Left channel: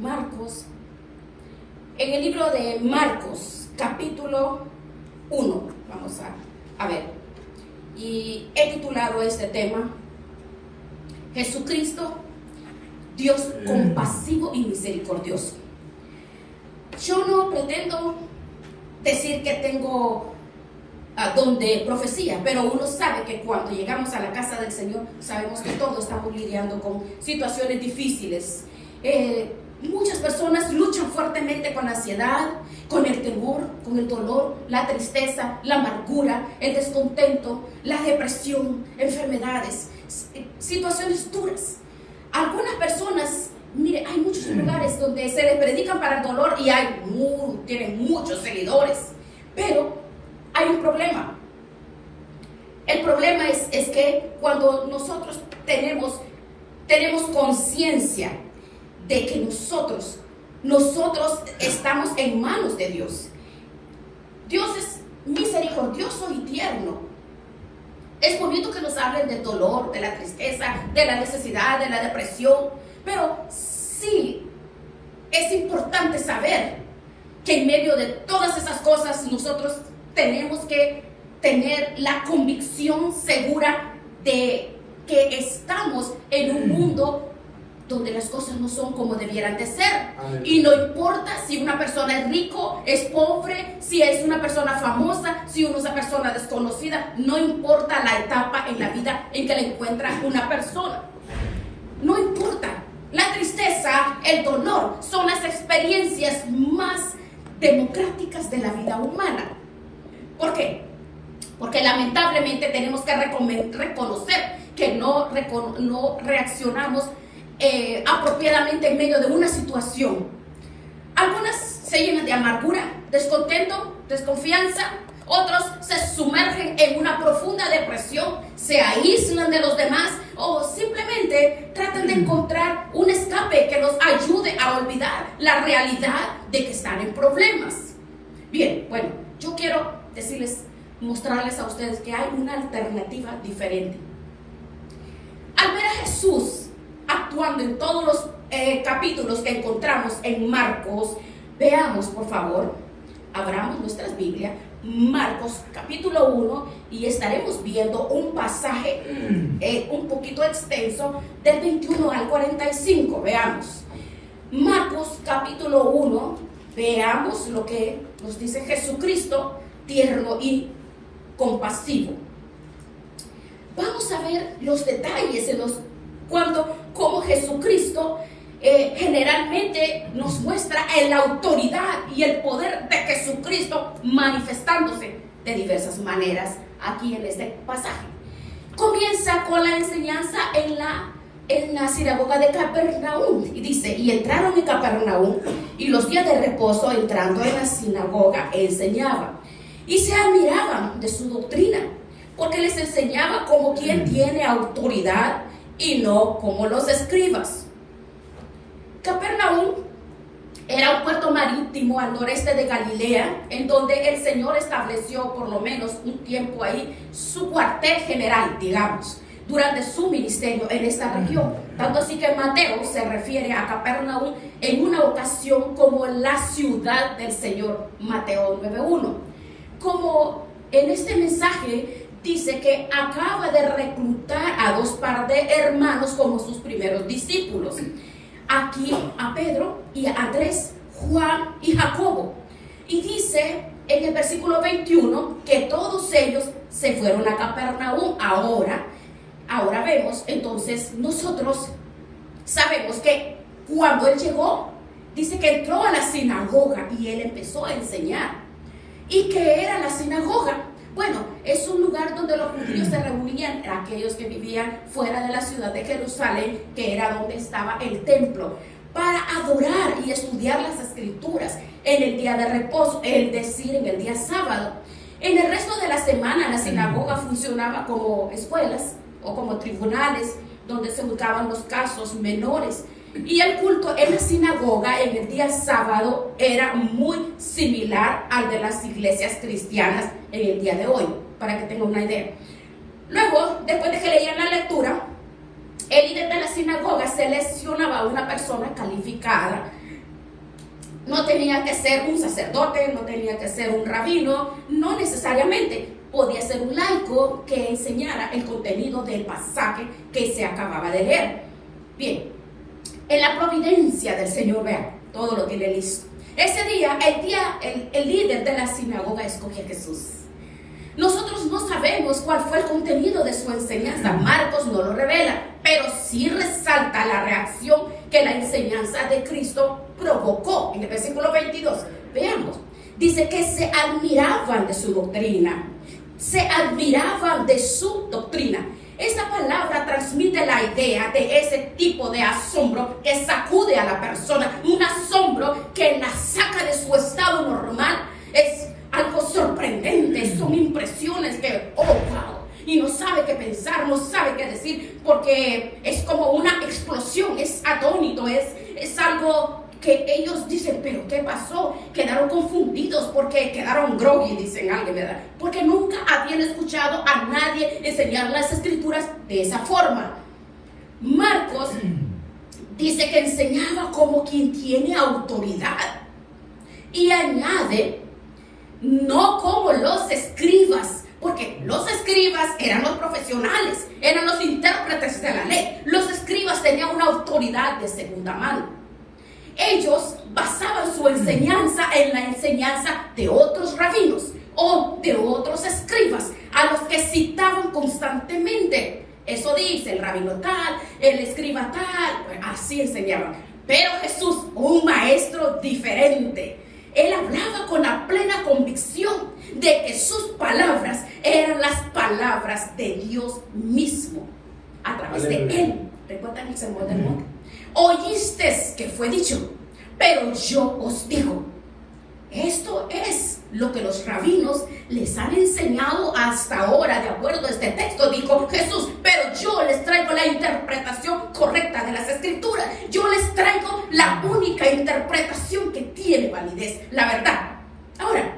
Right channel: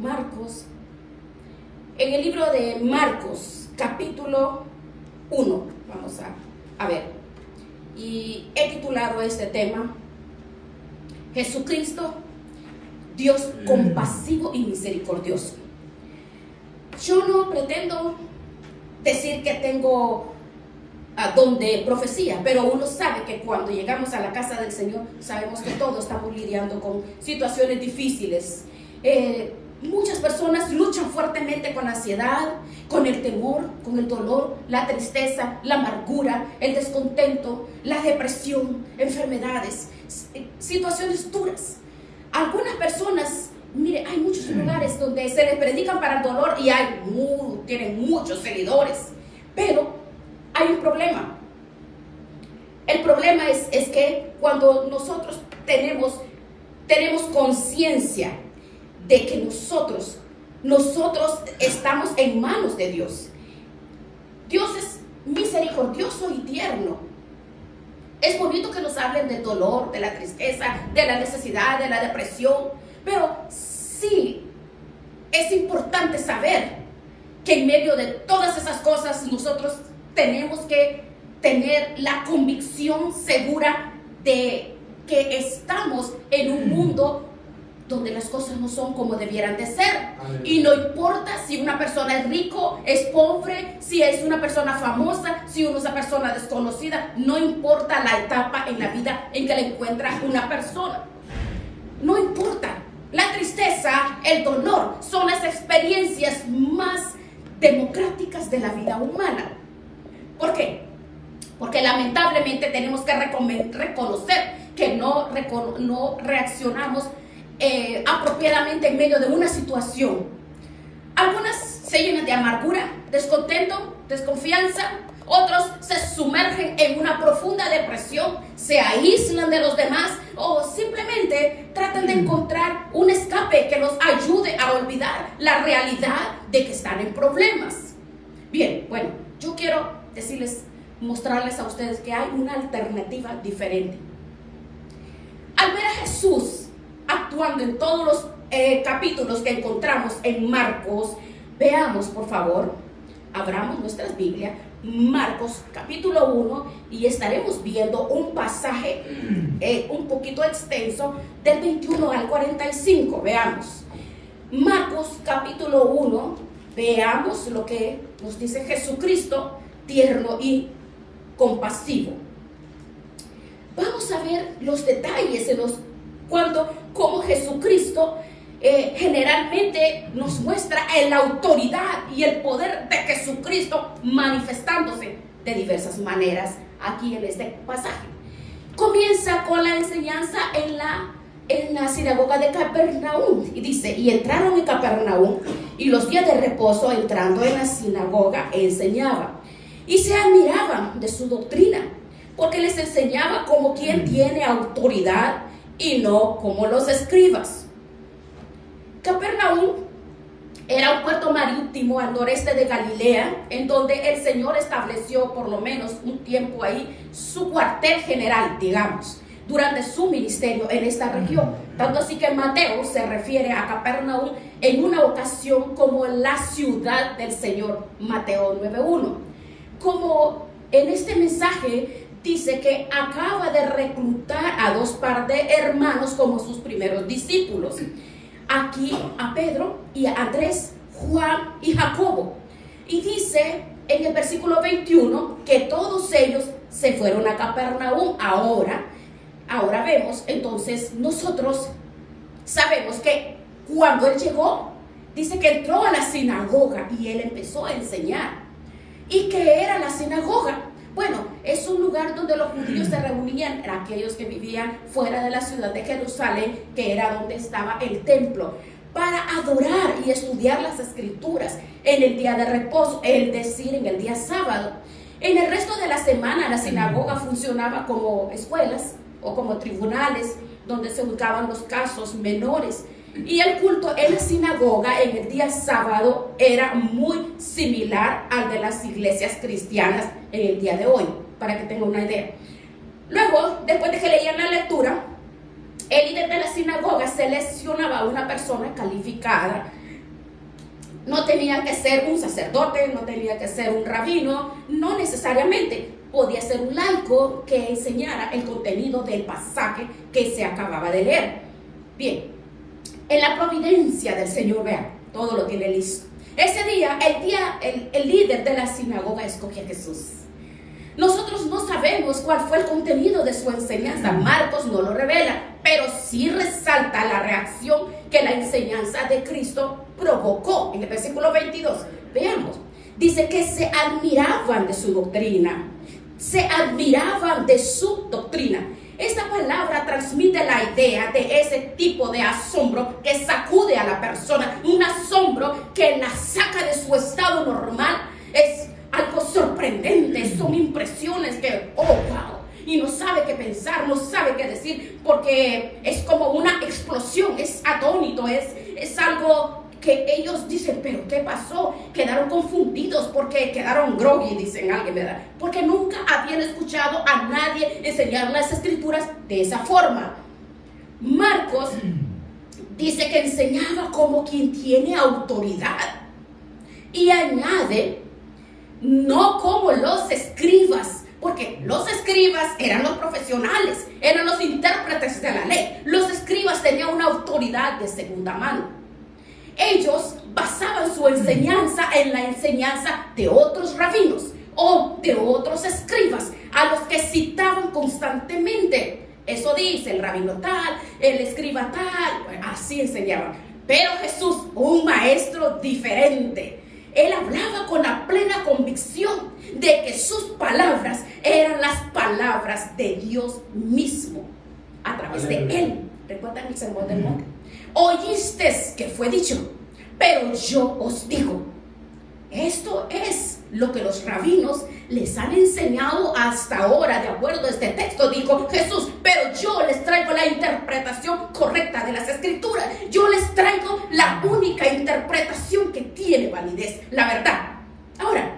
Marcos, en el libro de Marcos, capítulo 1, vamos a ver, y he titulado este tema, Jesucristo, Dios compasivo y misericordioso. Yo no pretendo decir que tengo don de profecía, pero uno sabe que cuando llegamos a la casa del Señor, sabemos que todos estamos lidiando con situaciones difíciles. Muchas personas luchan fuertemente con la ansiedad, con el temor, con el dolor, la tristeza, la amargura, el descontento, la depresión, enfermedades, situaciones duras. Algunas personas, mire, hay muchos lugares donde se les predican para el dolor y tienen muchos seguidores, pero hay un problema. El problema es que cuando nosotros tenemos conciencia de que nosotros estamos en manos de Dios. Dios es misericordioso y tierno. Es bonito que nos hablen del dolor, de la tristeza, de la necesidad, de la depresión, pero sí es importante saber que en medio de todas esas cosas nosotros tenemos que tener la convicción segura de que estamos en un mundo donde las cosas no son como debieran de ser. Y no importa si una persona es rico, es pobre, si es una persona famosa, si es una persona desconocida, no importa la etapa en la vida en que la encuentra una persona. No importa. La tristeza, el dolor, son las experiencias más democráticas de la vida humana. ¿Por qué? Porque lamentablemente tenemos que reconocer que no reaccionamos apropiadamente en medio de una situación. Algunas se llenan de amargura, descontento, desconfianza. Otros se sumergen en una profunda depresión, se aíslan de los demás o simplemente tratan de encontrar un escape que nos ayude a olvidar la realidad de que están en problemas. Bien, bueno, yo quiero mostrarles a ustedes que hay una alternativa diferente. Al ver a Jesús actuando en todos los capítulos que encontramos en Marcos, veamos por favor, abramos nuestras Biblias, Marcos capítulo 1, y estaremos viendo un pasaje un poquito extenso del 21 al 45, veamos. Marcos capítulo 1, veamos lo que nos dice Jesucristo, tierno y compasivo. Vamos a ver los detalles en cómo Jesucristo generalmente nos muestra la autoridad y el poder de Jesucristo manifestándose de diversas maneras aquí en este pasaje. Comienza con la enseñanza en la sinagoga de Capernaum y dice: y entraron en Capernaum, y los días de reposo, entrando en la sinagoga, enseñaba, y se admiraban de su doctrina, porque les enseñaba como quien tiene autoridad y no como los escribas. Capernaum era un puerto marítimo al noreste de Galilea, en donde el Señor estableció por lo menos un tiempo ahí su cuartel general, digamos, durante su ministerio en esta región. Tanto así que Mateo se refiere a Capernaum en una ocasión como la ciudad del Señor, Mateo 9:1. Como en este mensaje dice que acaba de reclutar a dos par de hermanos como sus primeros discípulos. Aquí a Pedro y a Andrés, Juan y Jacobo. Y dice en el versículo 21 que todos ellos se fueron a Capernaum. Ahora vemos, entonces nosotros sabemos que cuando él llegó, dice que entró a la sinagoga y él empezó a enseñar. ¿Y qué era la sinagoga? Bueno, es un lugar donde los judíos se reunían, aquellos que vivían fuera de la ciudad de Jerusalén, que era donde estaba el templo, para adorar y estudiar las escrituras en el día de reposo, es decir, en el día sábado. En el resto de la semana, la sinagoga funcionaba como escuelas o como tribunales, donde se buscaban los casos menores. Y el culto en la sinagoga en el día sábado era muy similar al de las iglesias cristianas en el día de hoy, para que tengan una idea. Luego, después de que leían la lectura, el líder de la sinagoga seleccionaba a una persona calificada No tenía que ser un sacerdote, no tenía que ser un rabino, no necesariamente. Podía ser un laico que enseñara el contenido del pasaje que se acababa de leer. Bien, en la providencia del Señor, vean, todo lo tiene listo. Ese día, el líder de la sinagoga escogió a Jesús. Nosotros no sabemos cuál fue el contenido de su enseñanza. Marcos no lo revela, pero sí resalta la reacción que la enseñanza de Cristo provocó. En el versículo 22, veamos, dice que se admiraban de su doctrina. Se admiraban de su doctrina. Esta palabra transmite la idea de ese tipo de asombro que sacude a la persona, un asombro que la saca de su estado normal. Es algo sorprendente, son impresiones que, oh, wow, y no sabe qué pensar, no sabe qué decir, porque es como una explosión, es atónito, es algo que ellos dicen, pero ¿qué pasó? Quedaron confundidos porque quedaron groggy, dicen alguien, ¿verdad? Porque nunca habían escuchado a nadie enseñar las escrituras de esa forma. Marcos dice que enseñaba como quien tiene autoridad y añade, no como los escribas, porque los escribas eran los profesionales, eran los intérpretes de la ley. Los escribas tenían una autoridad de segunda mano. Ellos basaban su enseñanza en la enseñanza de otros rabinos o de otros escribas a los que citaban constantemente. Eso dice el rabino tal, el escriba tal, pues así enseñaban. Pero Jesús, un maestro diferente, él hablaba con la plena convicción de que sus palabras eran las palabras de Dios mismo a través de él. ¿Recuerdan el sermón del monte? Oísteis que fue dicho, pero yo os digo. Esto es lo que los rabinos les han enseñado hasta ahora, de acuerdo a este texto, dijo Jesús, pero yo les traigo la interpretación correcta de las escrituras. Yo les traigo la única interpretación que tiene validez, la verdad. Ahora,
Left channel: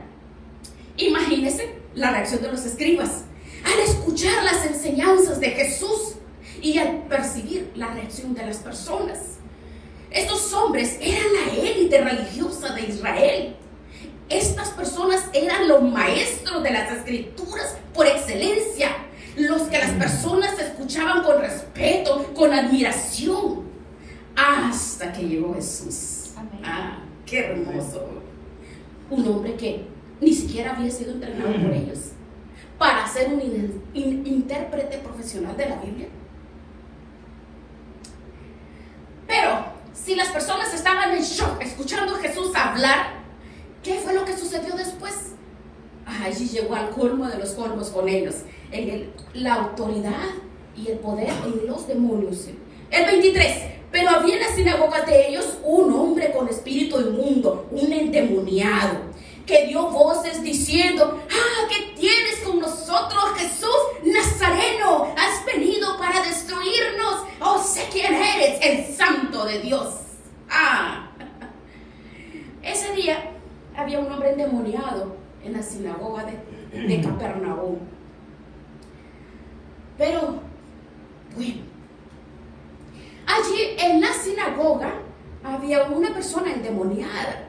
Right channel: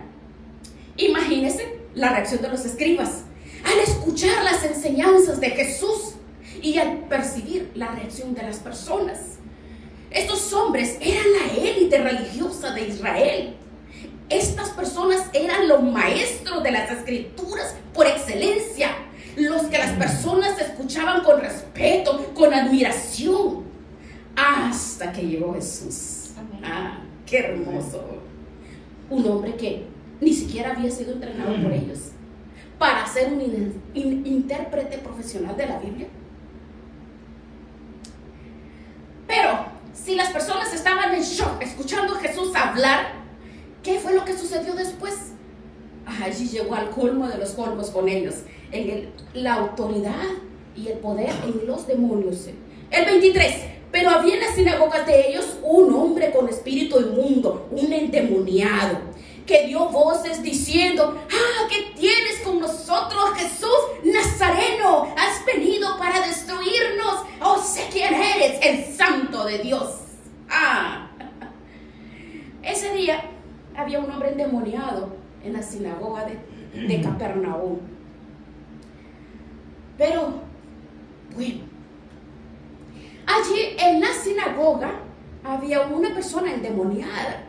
imagínense la reacción de los escribas al escuchar las enseñanzas de Jesús y al percibir la reacción de las personas. Estos hombres eran la élite religiosa de Israel. Estas personas eran los maestros de las escrituras por excelencia, los que las personas escuchaban con respeto, con admiración, hasta que llegó Jesús. Ah, qué hermoso. Un hombre que ni siquiera había sido entrenado por ellos para ser un intérprete profesional de la Biblia. Pero si las personas estaban en shock escuchando a Jesús hablar, ¿qué fue lo que sucedió después? Allí llegó al colmo de los colmos con ellos, en la autoridad y el poder en los demonios. El 23, pero había en la sinagoga de ellos un hombre con espíritu inmundo, un endemoniado, que dio voces diciendo, ¿qué tienes con nosotros, Jesús Nazareno? Has venido para destruirnos. Oh, sé quién eres, el Santo de Dios. Ese día había un hombre endemoniado en la sinagoga de Capernaum. Pero, bueno, allí en la sinagoga había una persona endemoniada.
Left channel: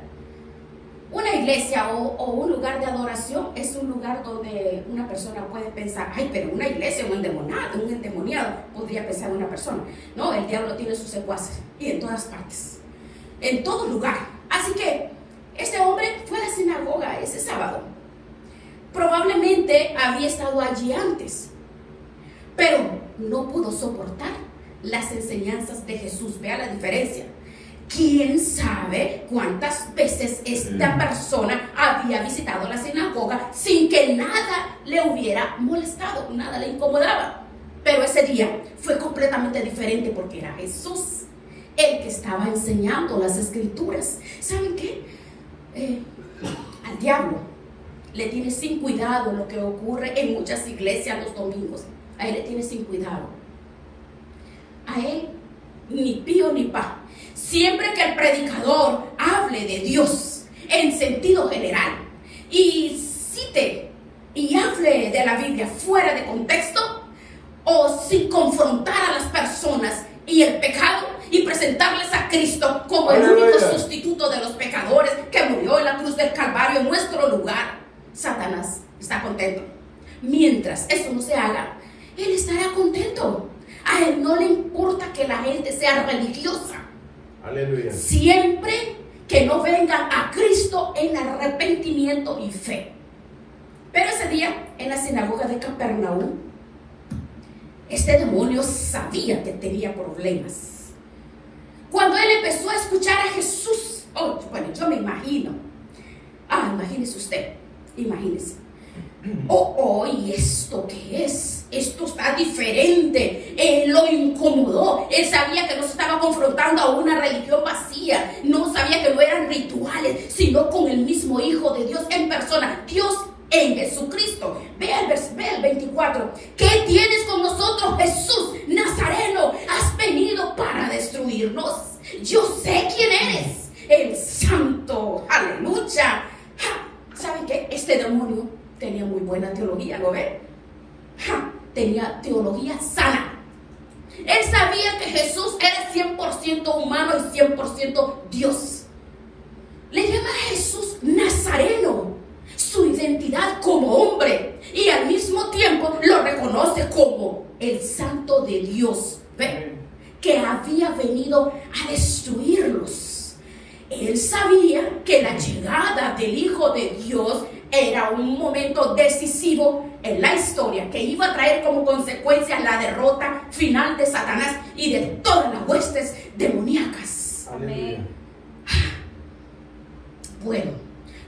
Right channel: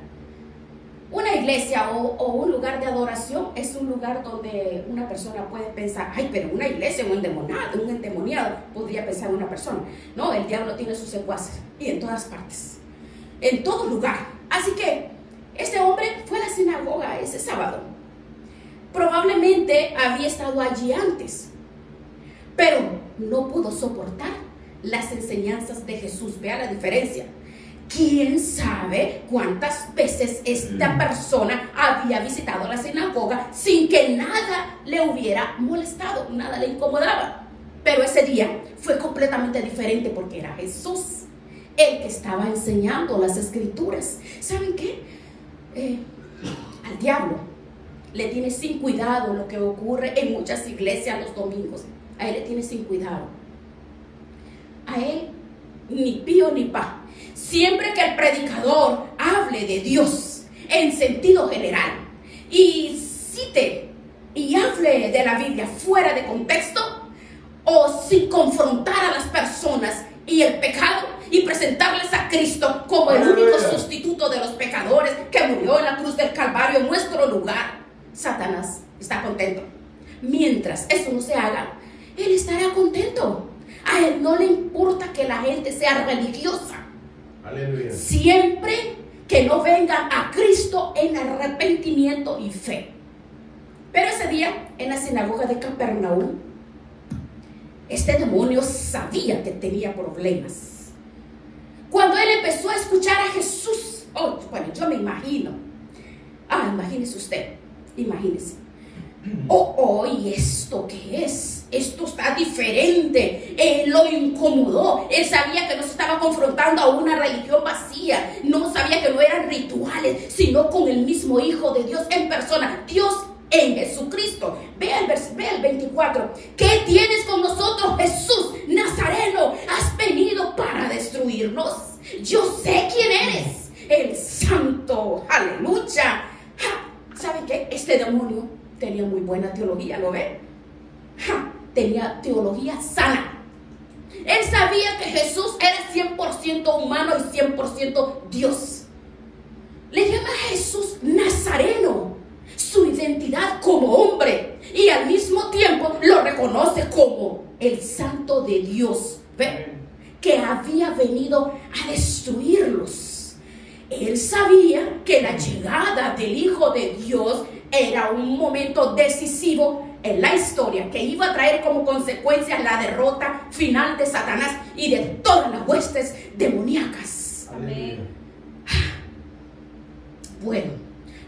Una iglesia o un lugar de adoración es un lugar donde una persona puede pensar, ay, pero una iglesia, un endemoniado, podría pensar una persona. No, el diablo tiene sus secuaces y en todas partes, en todo lugar. Así que este hombre fue a la sinagoga ese sábado. Probablemente había estado allí antes, pero no pudo soportar las enseñanzas de Jesús. Vea la diferencia. ¿Quién sabe cuántas veces esta persona había visitado la sinagoga sin que nada le hubiera molestado, nada le incomodaba? Pero ese día fue completamente diferente porque era Jesús el que estaba enseñando las escrituras. ¿Saben qué? Al diablo le tiene sin cuidado lo que ocurre en muchas iglesias los domingos. A él le tiene sin cuidado. A él ni pío ni pa. Siempre que el predicador hable de Dios en sentido general y cite y hable de la Biblia fuera de contexto o sin confrontar a las personas y el pecado y presentarles a a Cristo como el único sustituto de los pecadores que murió en la cruz del Calvario en nuestro lugar, Satanás está contento. Mientras eso no se haga, él estará contento. A él no le importa que la gente sea religiosa. Aleluya. Siempre que no vengan a Cristo en arrepentimiento y fe. Pero ese día, en la sinagoga de Capernaum, este demonio sabía que tenía problemas. Cuando él empezó a escuchar a Jesús, bueno, yo me imagino. Imagínese usted, imagínese. ¿Y esto qué es? Esto está diferente. Él lo incomodó. Él sabía que no se estaba confrontando a una religión vacía. No sabía que no eran rituales, sino con el mismo Hijo de Dios en persona. Dios en Jesucristo. Vea el 24. ¿Qué tienes con nosotros, Jesús Nazareno? Has venido para destruirnos. Yo sé quién eres, el Santo. Aleluya. ¿Saben qué? Este demonio tenía muy buena teología, ¿lo ven? Tenía teología sana. Él sabía que Jesús era 100% humano y 100% Dios. Le llama a Jesús Nazareno, su identidad como hombre, y al mismo tiempo lo reconoce como el Santo de Dios, ¿ve? Que había venido a destruirlos. Él sabía que la llegada del Hijo de Dios era un momento decisivo en la historia que iba a traer como consecuencia la derrota final de Satanás y de todas las huestes demoníacas. Aleluya. Bueno,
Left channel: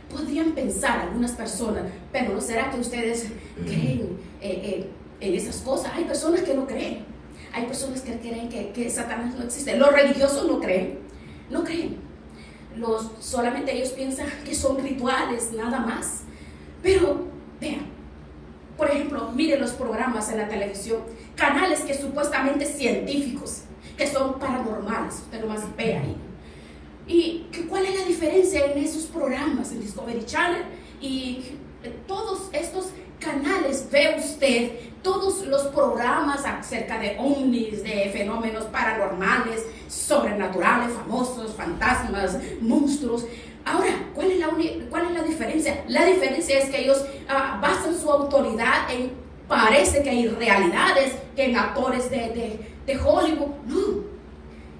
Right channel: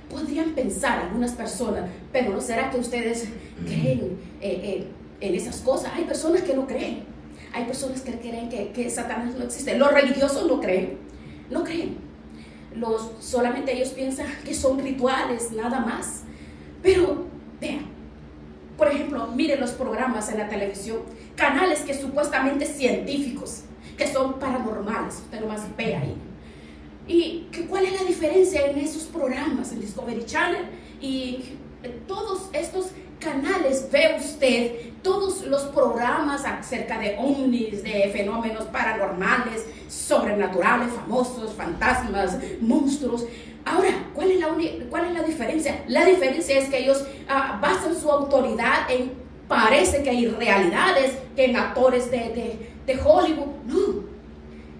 podrían pensar algunas personas, pero ¿no será que ustedes creen en esas cosas? Hay personas que no creen. Hay personas que creen que Satanás no existe. Los religiosos no creen. No creen. Solamente ellos piensan que son rituales, nada más. Pero, vean, por ejemplo, miren los programas en la televisión, canales que supuestamente científicos, que son paranormales, usted nomás ve ahí. ¿Y cuál es la diferencia en esos programas, en Discovery Channel y todos estos canales? Ve usted todos los programas acerca de ovnis, de fenómenos paranormales, sobrenaturales, famosos, fantasmas, monstruos. Ahora, ¿cuál es la diferencia? La diferencia es que ellos basan su autoridad en, parece que hay realidades, que en actores de Hollywood. No,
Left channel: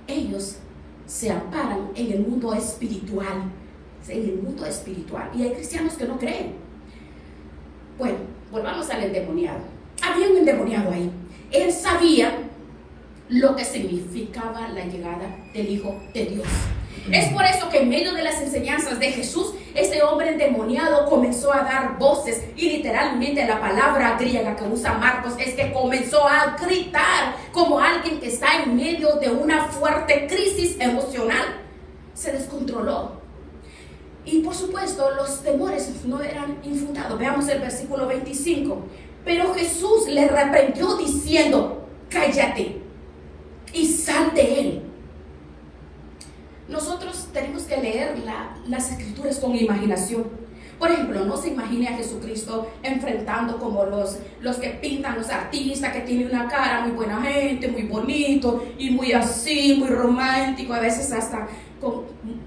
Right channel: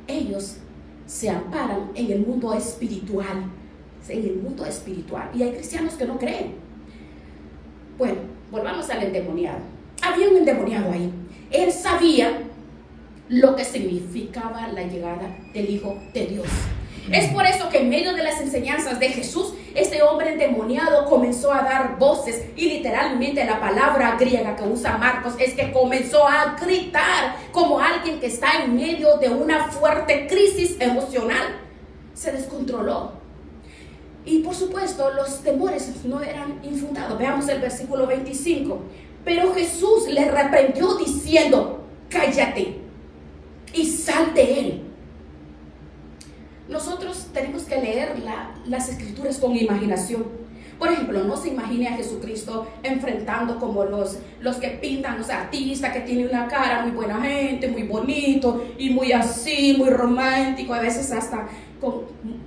ellos se amparan en el mundo espiritual, y hay cristianos que no creen. Bueno, volvamos al endemoniado. Había un endemoniado ahí. Él sabía lo que significaba la llegada del Hijo de Dios. Es por eso que en medio de las enseñanzas de Jesús, este hombre endemoniado comenzó a dar voces, y literalmente la palabra griega que usa Marcos es que comenzó a gritar como alguien que está en medio de una fuerte crisis emocional. Se descontroló. Y por supuesto los temores no eran infundados. Veamos el versículo 25. Pero Jesús le reprendió diciendo: cállate y sal de él. Nosotros tenemos que leer las escrituras con imaginación. Por ejemplo, no se imagine a Jesucristo enfrentando como los que pintan, los artistas, que tienen una cara muy buena gente, muy bonito y muy así, muy romántico, a veces hasta con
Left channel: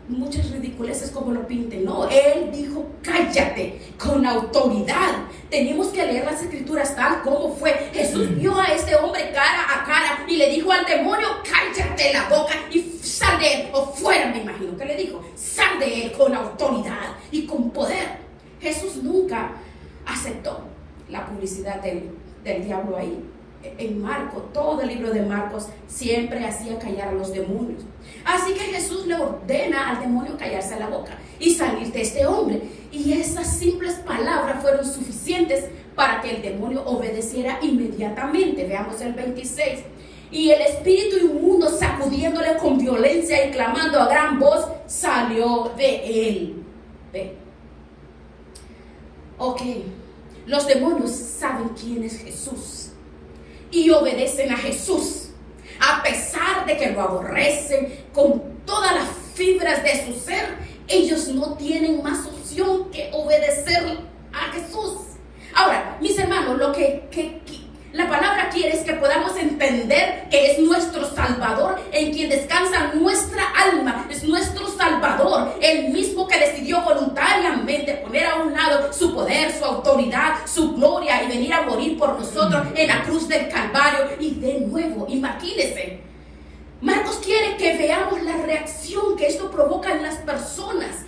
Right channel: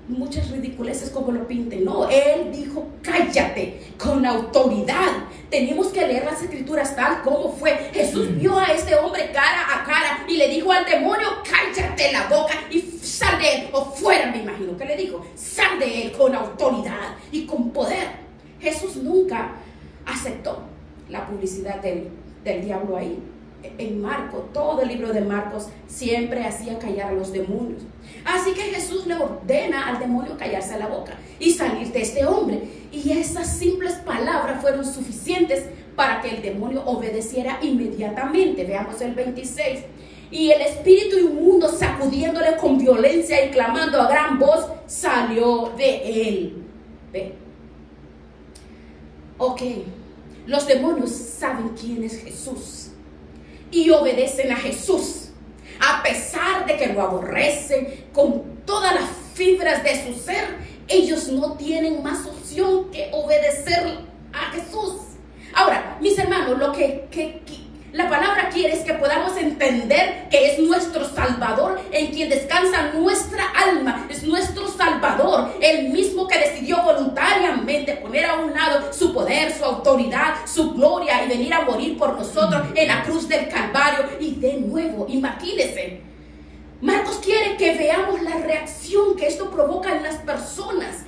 muchas ridiculeces como lo pinten. No, él dijo: cállate, con autoridad. Tenemos que leer las escrituras tal como fue. Jesús vio a este hombre cara a cara y le dijo al demonio: cállate la boca y sal de él, o fuera, me imagino que le dijo. Sal de él con autoridad y con poder. Jesús nunca aceptó la publicidad del diablo ahí. En Marcos, todo el libro de Marcos siempre hacía callar a los demonios. Así que Jesús le ordena al demonio callarse la boca y salir de este hombre. Y esas simples palabras fueron suficientes para que el demonio obedeciera inmediatamente. Veamos el 26. Y el espíritu inmundo, sacudiéndole con violencia y clamando a gran voz, salió de él. ¿Ve? Ok, los demonios saben quién es Jesús y obedecen a Jesús, a pesar de que lo aborrecen con todas las fibras de su ser. Ellos no tienen más opción que obedecer a Jesús. Ahora, mis hermanos, lo que la palabra quiere es que podamos entender que es nuestro Salvador, en quien descansa nuestra alma, es nuestro Salvador, el mismo que decidió voluntariamente poner a un lado su poder, su autoridad, su gloria y venir a morir por nosotros en la cruz del Calvario. Y de nuevo, imagínense, Marcos quiere que veamos la reacción que esto provoca en las personas.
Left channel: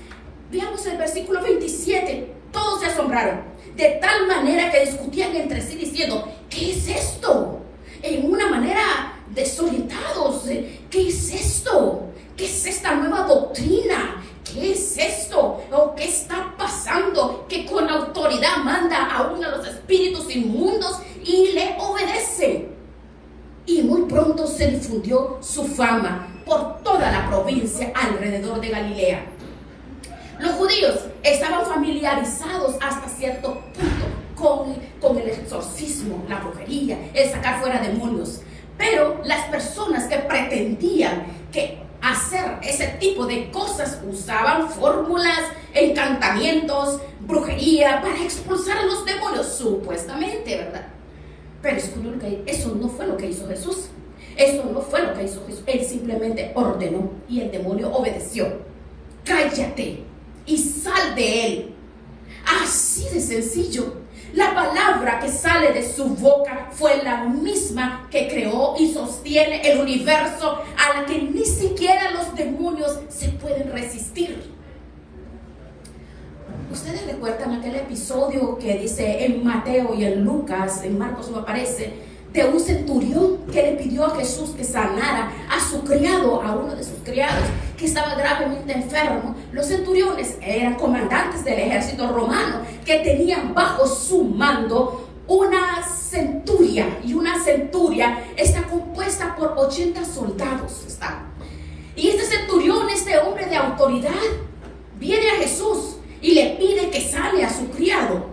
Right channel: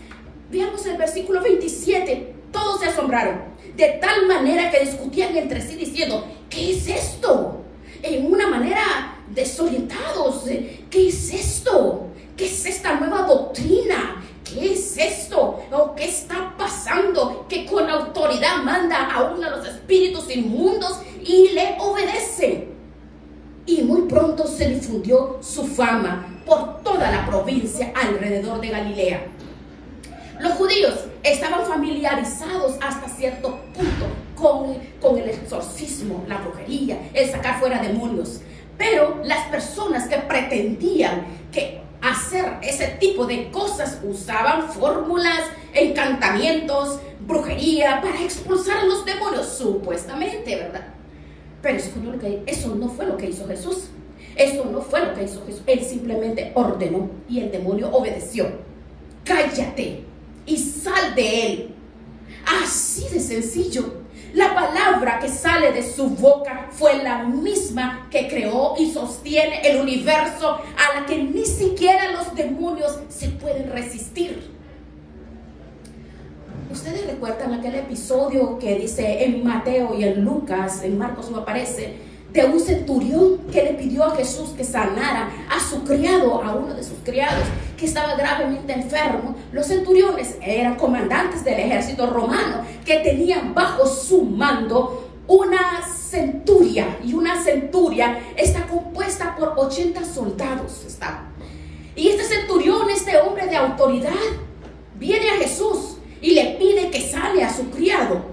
Veamos el versículo 27. Todos se asombraron, de tal manera que discutían entre sí diciendo: ¿qué es esto? En una manera desorientados. ¿Qué es esto? ¿Qué es esta nueva doctrina? ¿Qué es esto? ¿O qué está pasando? Que con autoridad manda aún a los espíritus inmundos y le obedecen. Y muy pronto se difundió su fama por toda la provincia alrededor de Galilea. Los judíos estaban familiarizados hasta cierto punto con el exorcismo, la brujería, el sacar fuera demonios. Pero las personas que pretendían que hacer ese tipo de cosas usaban fórmulas, encantamientos, brujería para expulsar a los demonios, supuestamente, ¿verdad? Pero eso no fue lo que hizo Jesús. Eso no fue lo que hizo Jesús. Él simplemente ordenó y el demonio obedeció. Cállate y sal de él. Así de sencillo. La palabra que sale de su boca fue la misma que creó y sostiene el universo, a la que ni siquiera los demonios se pueden resistir. ¿Ustedes recuerdan aquel episodio que dice en Mateo y en Lucas, en Marcos no aparece, de un centurión que le pidió a Jesús que sanara a su criado, a uno de sus criados, que estaba gravemente enfermo? Los centuriones eran comandantes del ejército romano que tenían bajo su mando una centuria, y una centuria está compuesta por 80 soldados. Y este centurión, este hombre de autoridad, viene a Jesús y le pide que sane a su criado.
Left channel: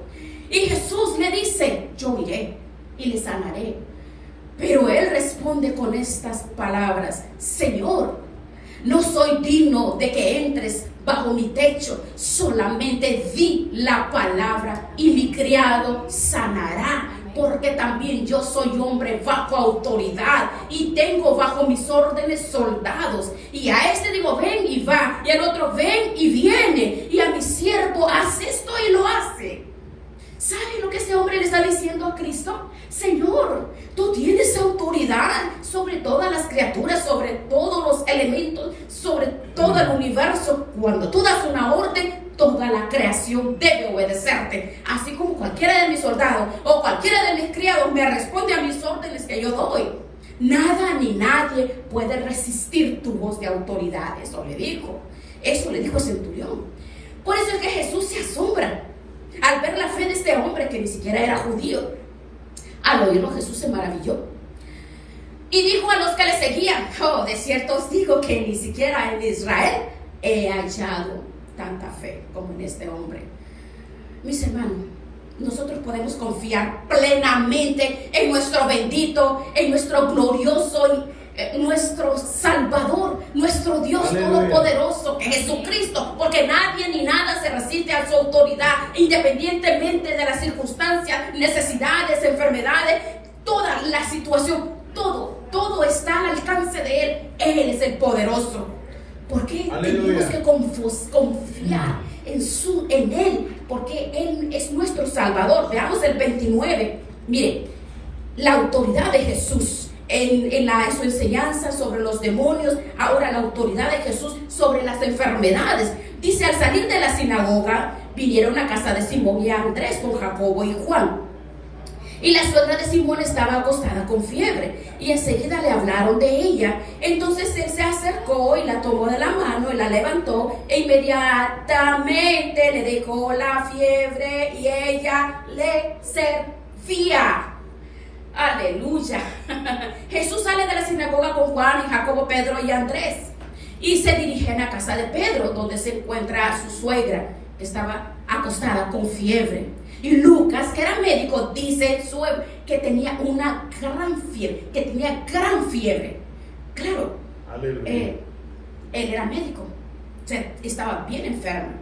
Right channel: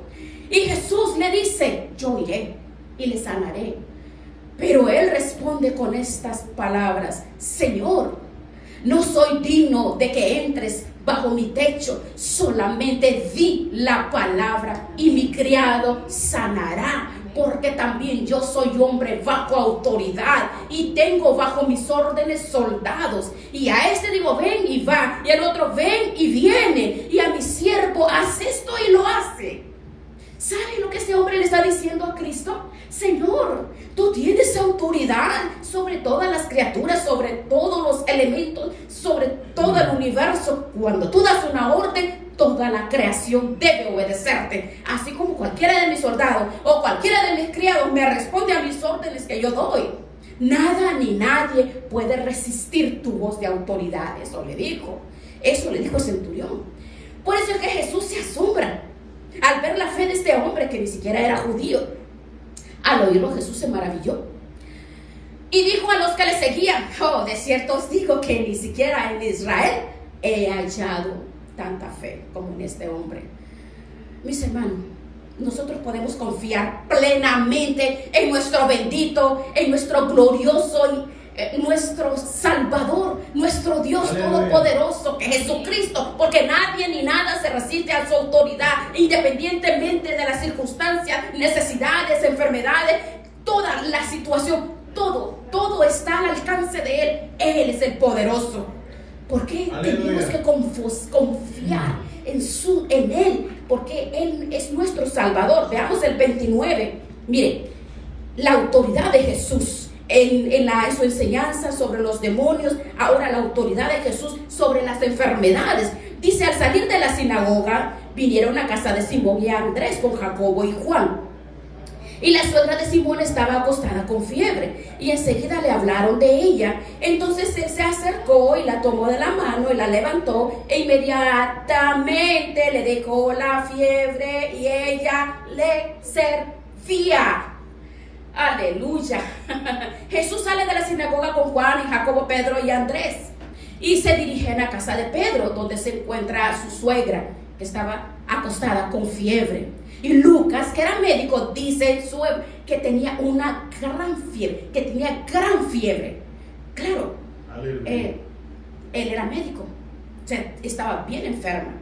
Y Jesús le dice: yo iré y le sanaré. Pero él responde con estas palabras: Señor, no soy digno de que entres bajo mi techo, solamente di la palabra y mi criado sanará, porque también yo soy hombre bajo autoridad y tengo bajo mis órdenes soldados. Y a este digo: ven, y va, y al otro: ven, y viene, y a mi siervo: haz esto, y lo hace. ¿Sabe lo que ese hombre le está diciendo a Cristo? Señor, tú tienes autoridad sobre todas las criaturas, sobre todos los elementos, sobre todo el universo. Cuando tú das una orden, toda la creación debe obedecerte. Así como cualquiera de mis soldados o cualquiera de mis criados me responde a mis órdenes que yo doy. Nada ni nadie puede resistir tu voz de autoridad. Eso le dijo el centurión. Por eso es que Jesús se asombra al ver la fe de este hombre que ni siquiera era judío. Al oírlo, Jesús se maravilló y dijo a los que le seguían: oh, de cierto os digo que ni siquiera en Israel he hallado tanta fe como en este hombre. Mis hermanos, nosotros podemos confiar plenamente en nuestro bendito, en nuestro glorioso, nuestro Salvador, nuestro Dios todopoderoso, que es Jesucristo, porque nadie ni nada se resiste a su autoridad, independientemente de las circunstancias, necesidades, enfermedades, toda la situación, todo está al alcance de Él. Él es el poderoso. ¿Por qué tenemos que confiar en Él? Porque Él es nuestro Salvador. Veamos el 29. Miren, la autoridad de Jesús en su enseñanza sobre los demonios. Ahora la autoridad de Jesús sobre las enfermedades. Dice: al salir de la sinagoga, vinieron a casa de Simón y Andrés con Jacobo y Juan. Y la suegra de Simón estaba acostada con fiebre, y enseguida le hablaron de ella. Entonces él se acercó y la tomó de la mano y la levantó, e inmediatamente le dejó la fiebre y ella le servía. Aleluya. Jesús sale de la sinagoga con Juan y Jacobo, Pedro y Andrés, y se dirigen a casa de Pedro, donde se encuentra su suegra, que estaba acostada con fiebre. Y Lucas, que era médico, dice que tenía una gran fiebre, Claro, él era médico, o sea, estaba bien enferma.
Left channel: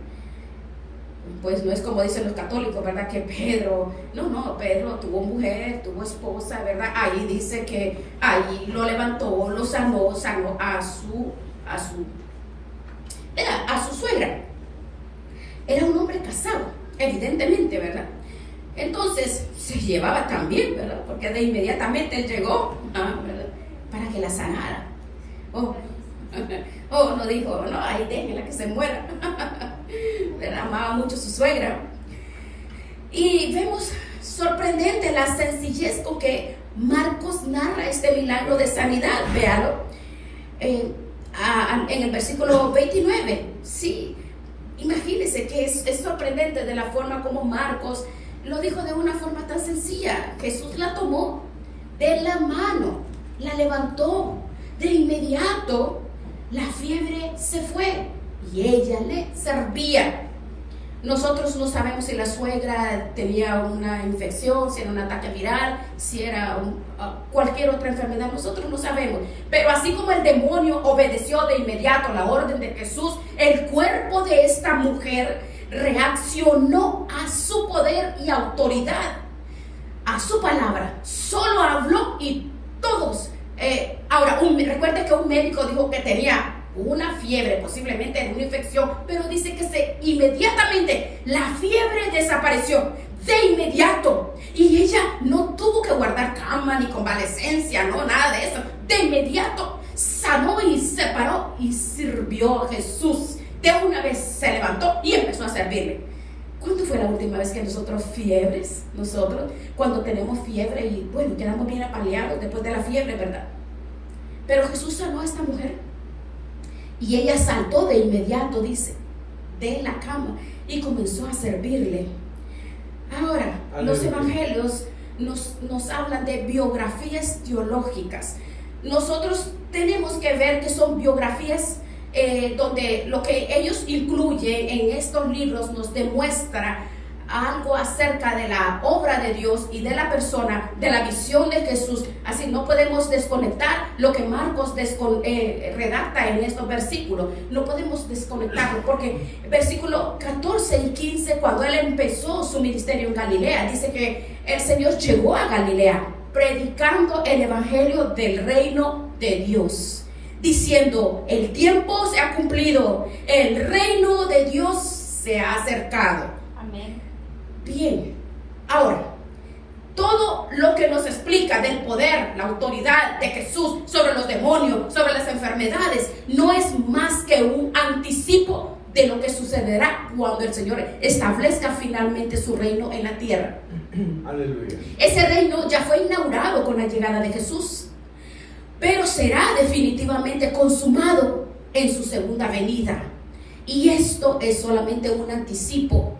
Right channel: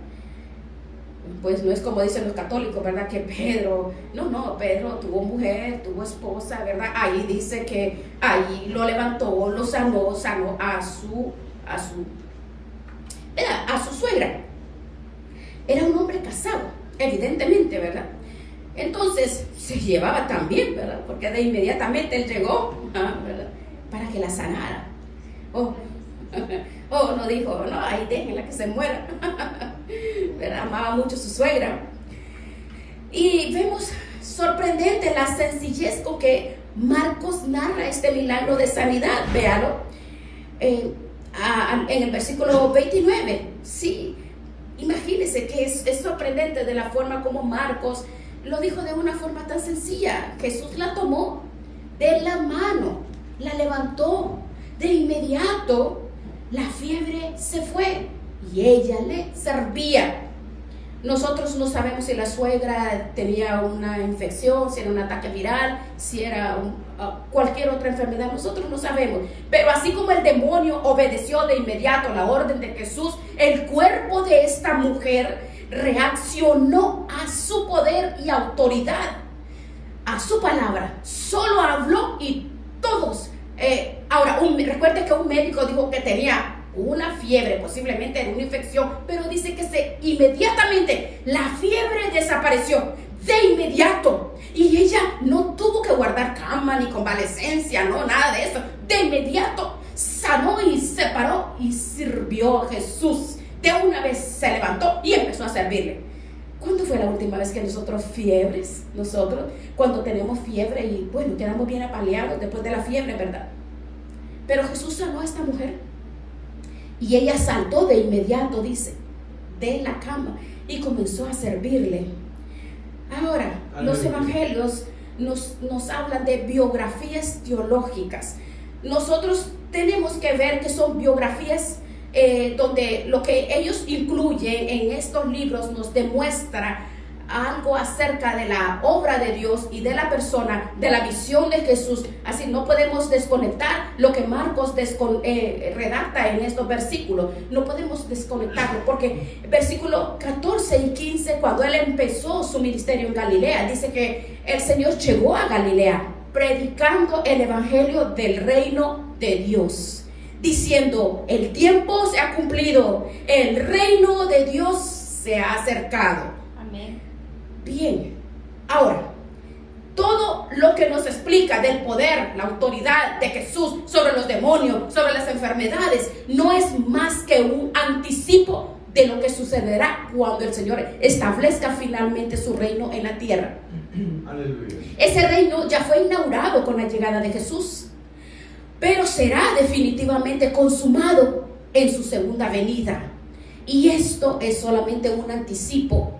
Pues no es como dicen los católicos, ¿verdad? Que Pedro tuvo mujer, tuvo esposa, ¿verdad? Ahí dice que ahí lo levantó, lo sanó a su a su suegra. Era un hombre casado, evidentemente, ¿verdad? Entonces se llevaba tan bien, ¿verdad? Porque de inmediatamente llegó, ¿verdad?, para que la sanara. No dijo, no, ahí déjenla que se muera. ¿Verdad? Amaba mucho a su suegra. Y vemos sorprendente la sencillez con que Marcos narra este milagro de sanidad. Véalo en el versículo 29. Sí, imagínense que es sorprendente de la forma como Marcos lo dijo de una forma tan sencilla. Jesús la tomó de la mano, la levantó. De inmediato la fiebre se fue y ella le servía. Nosotros no sabemos si la suegra tenía una infección, si era un ataque viral, si era cualquier otra enfermedad. Nosotros no sabemos. Pero así como el demonio obedeció de inmediato la orden de Jesús, el cuerpo de esta mujer reaccionó a su poder y autoridad, a su palabra. Solo habló y todos. Ahora, recuerde que un médico dijo que tenía una fiebre, posiblemente una infección, pero dice que inmediatamente la fiebre desapareció, de inmediato, y ella no tuvo que guardar cama ni convalecencia, no, nada de eso. De inmediato sanó y se paró y sirvió a Jesús. De una vez se levantó y empezó a servirle. ¿Cuándo fue la última vez que nosotros cuando tenemos fiebre y bueno, quedamos bien apaleados después de la fiebre, ¿verdad? Pero Jesús sanó a esta mujer y ella saltó de inmediato, dice, de la cama y comenzó a servirle. Ahora, los evangelios nos hablan de biografías teológicas. Nosotros tenemos que ver que son biografías donde lo que ellos incluyen en estos libros nos demuestra algo acerca de la obra de Dios y de la persona, de la visión de Jesús. Así no podemos desconectar lo que Marcos redacta en estos versículos. No podemos desconectarlo porque versículos 14 y 15, cuando él empezó su ministerio en Galilea, dice que el Señor llegó a Galilea predicando el evangelio del reino de Dios, diciendo: el tiempo se ha cumplido, el reino de Dios se ha acercado. Amén. Bien, ahora, todo lo que nos explica del poder, la autoridad de Jesús sobre los demonios, sobre las enfermedades, no es más que un anticipo de lo que sucederá cuando el Señor establezca finalmente su reino en la tierra. Aleluya. Ese reino ya fue inaugurado con la llegada de Jesús, pero será definitivamente consumado en su segunda venida. Y esto es solamente un anticipo.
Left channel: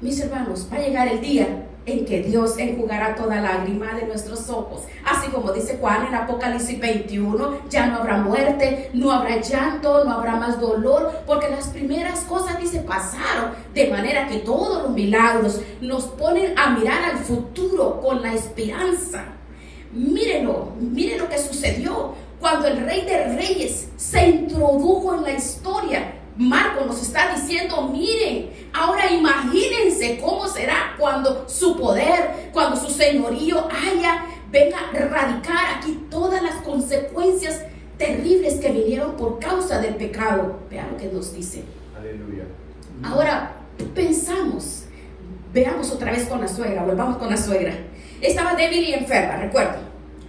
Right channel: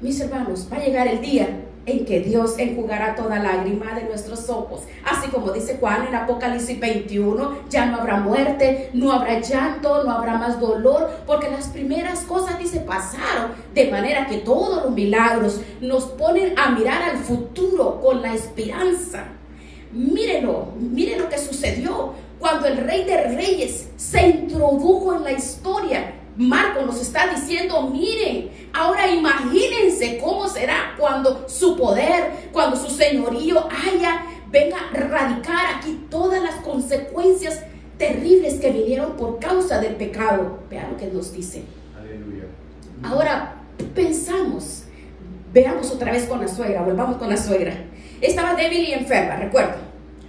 Mis hermanos, va a llegar el día en que Dios enjugará toda lágrima de nuestros ojos. Así como dice Juan en Apocalipsis 21, ya no habrá muerte, no habrá llanto, no habrá más dolor, porque las primeras cosas, dice, pasaron. De manera que todos los milagros nos ponen a mirar al futuro con la esperanza. Mírenlo, miren lo que sucedió cuando el Rey de Reyes se introdujo en la historia. Marcos nos está diciendo: miren, ahora imagínense cómo será cuando su poder, cuando su señorío venga a erradicar aquí todas las consecuencias terribles que vinieron por causa del pecado. Vean lo que nos dice. Aleluya. Ahora veamos otra vez con la suegra, volvamos con la suegra. Estaba débil y enferma, recuerden,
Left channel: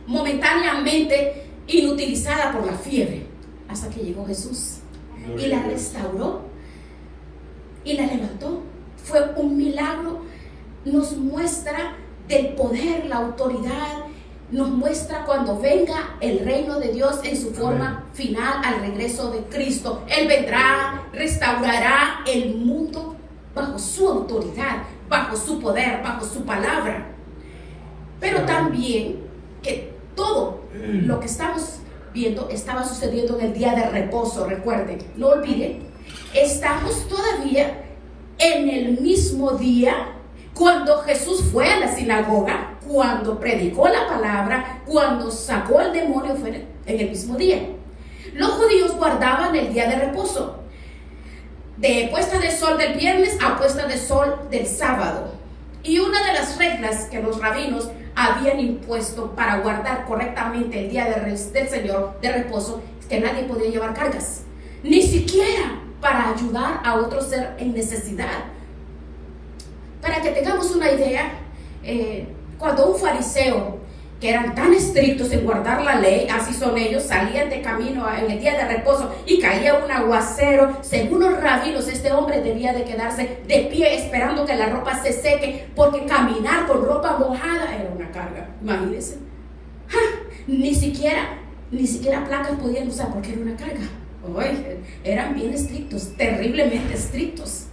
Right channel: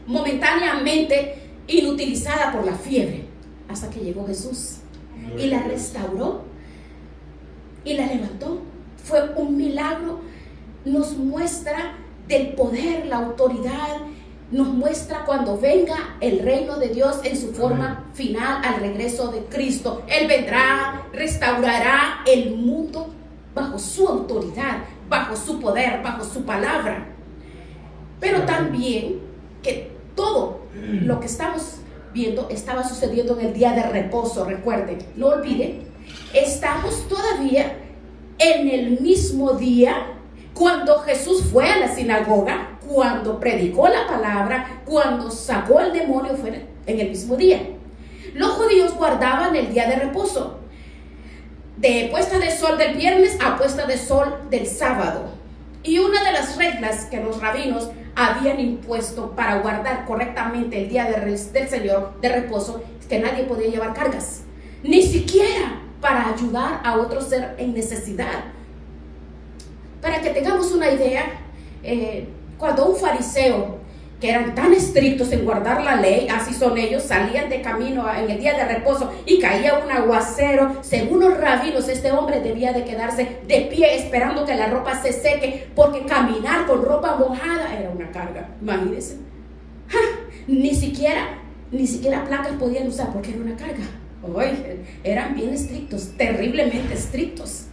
momentáneamente inutilizada por la fiebre, hasta que llegó Jesús y la restauró y la levantó. Fue un milagro. Nos muestra del poder, la autoridad, nos muestra cuando venga el reino de Dios en su forma final al regreso de Cristo. Él vendrá, restaurará el mundo bajo su autoridad, bajo su poder, bajo su palabra. Pero también que todo lo que estamos viendo estaba sucediendo en el día de reposo. Recuerden, no olviden, estamos todavía en el mismo día cuando Jesús fue a la sinagoga, cuando predicó la palabra, cuando sacó al demonio, fue en el mismo día. Los judíos guardaban el día de reposo, de puesta de sol del viernes a puesta de sol del sábado. Y una de las reglas que los rabinos habían impuesto para guardar correctamente el día del Señor de reposo que nadie podía llevar cargas, ni siquiera para ayudar a otro ser en necesidad. Para que tengamos una idea, cuando un fariseo, que eran tan estrictos en guardar la ley, así son ellos, salían de camino en el día de reposo y caía un aguacero, según los rabinos, este hombre debía de quedarse de pie esperando que la ropa se seque, porque caminar con ropa mojada era una carga. Imagínense. Ni siquiera placas podían usar porque era una carga. Oye, eran bien estrictos, terriblemente estrictos.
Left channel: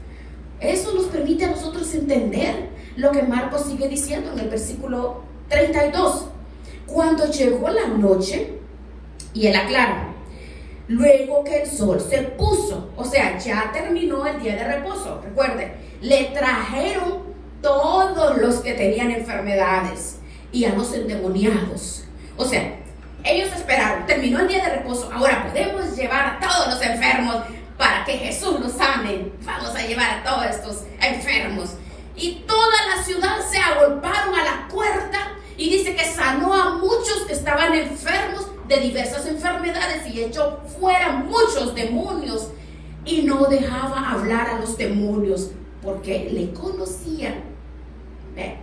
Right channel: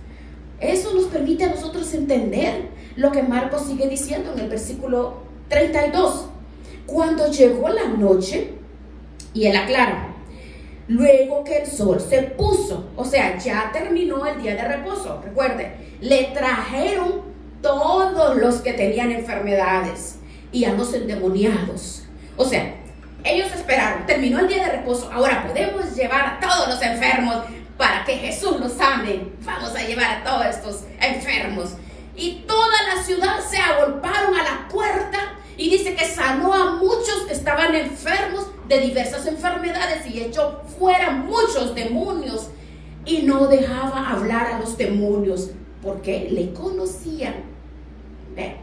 Eso nos permite a nosotros entender lo que Marcos sigue diciendo en el versículo 32. Cuando llegó la noche, y él aclara, luego que el sol se puso, o sea, ya terminó el día de reposo, recuerden, le trajeron todos los que tenían enfermedades y a los endemoniados. O sea, ellos esperaron, terminó el día de reposo, ahora podemos llevar a todos los enfermos para que Jesús los sane. Vamos a llevar a todos estos enfermos. Y toda la ciudad se agolparon a la puerta y dice que sanó a muchos que estaban enfermos de diversas enfermedades y echó fuera muchos demonios y no dejaba hablar a los demonios porque le conocían. Vean,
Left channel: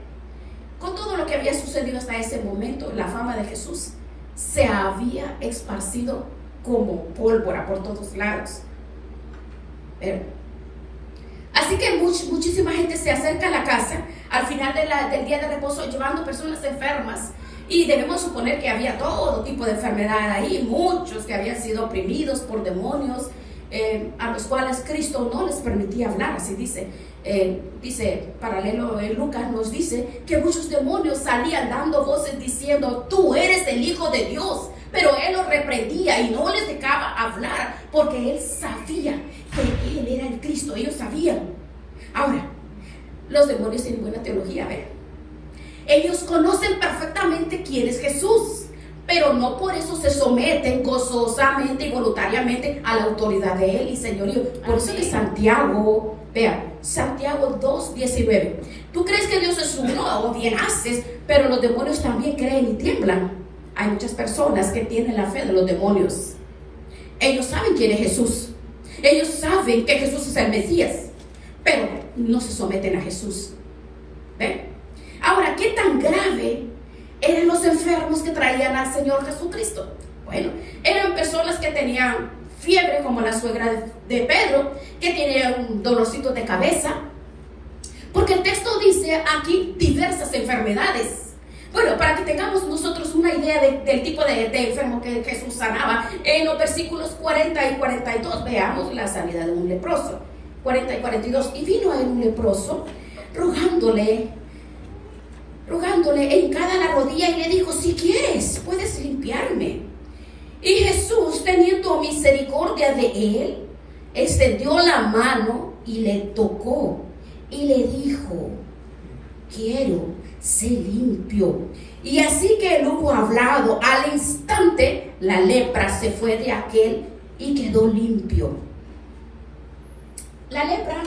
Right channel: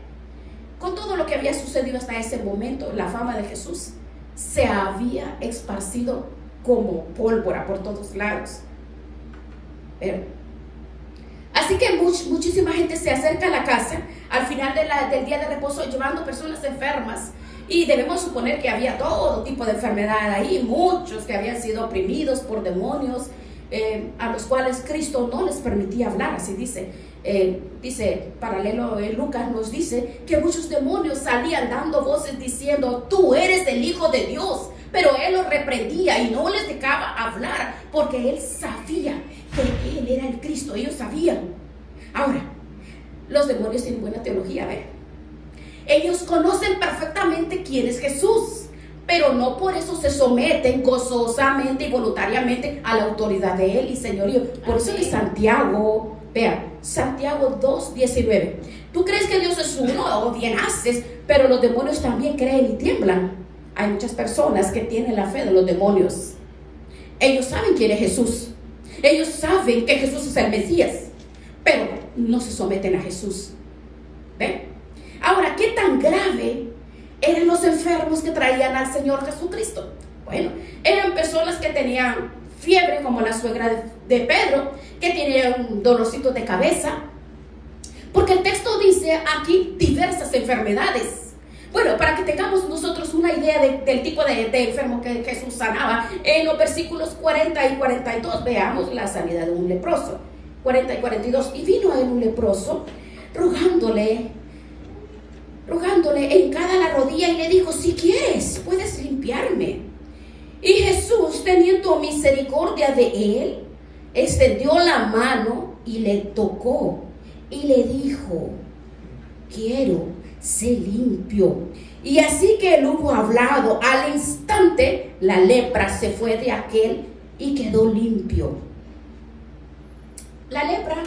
con todo lo que había sucedido hasta ese momento, la fama de Jesús se había esparcido como pólvora por todos lados. Así que muchísima gente se acerca a la casa al final del día de reposo llevando personas enfermas, y debemos suponer que había todo tipo de enfermedad ahí, muchos que habían sido oprimidos por demonios, a los cuales Cristo no les permitía hablar. Así dice paralelo en Lucas, nos dice que muchos demonios salían dando voces diciendo: tú eres el Hijo de Dios. Pero él los reprendía y no les dejaba hablar porque él sabía que él era el Cristo. Ellos sabían. Ahora, los demonios tienen buena teología, ¿ven? Ellos conocen perfectamente quién es Jesús, pero no por eso se someten gozosamente y voluntariamente a la autoridad de él y señorío. Por eso que Santiago, vean, Santiago 2:19. Tú crees que Dios es uno, o bien haces, pero los demonios también creen y tiemblan. Hay muchas personas que tienen la fe de los demonios. Ellos saben quién es Jesús. Ellos saben que Jesús es el Mesías, pero no se someten a Jesús. ¿Ven? Ahora, ¿qué tan grave eran los enfermos que traían al Señor Jesucristo? Bueno, eran personas que tenían fiebre, como la suegra de Pedro, que tenía un dolorcito de cabeza, porque el texto dice aquí diversas enfermedades. Bueno, para que tengamos nosotros una idea del tipo de enfermo que Jesús sanaba, en los versículos 40 y 42 veamos la sanidad de un leproso. 40 y 42. Y vino a él un leproso rogándole en cada la rodilla, y le dijo: si quieres, puedes limpiarme. Y Jesús, teniendo misericordia de él, extendió la mano y le tocó y le dijo: quiero, sé limpio. Y así que él hubo hablado, al instante la lepra se fue de aquel y quedó limpio. La lepra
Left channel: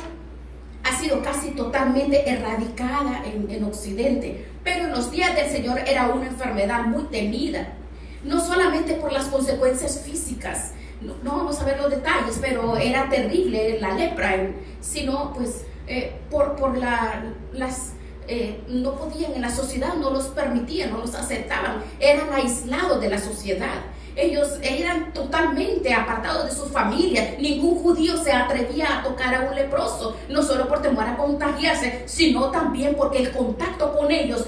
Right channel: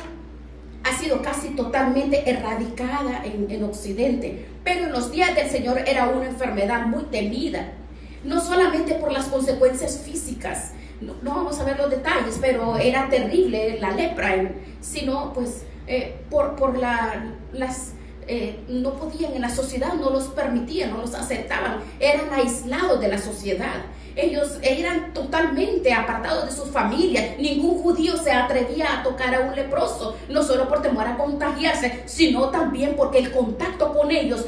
ha sido casi totalmente erradicada en Occidente, pero en los días del Señor era una enfermedad muy temida, no solamente por las consecuencias físicas, no vamos a ver los detalles, pero era terrible la lepra, sino pues por las no podían, en la sociedad no los permitían, no los aceptaban, eran aislados de la sociedad. Ellos eran totalmente apartados de sus familias. Ningún judío se atrevía a tocar a un leproso, no solo por temor a contagiarse, sino también porque el contacto con ellos,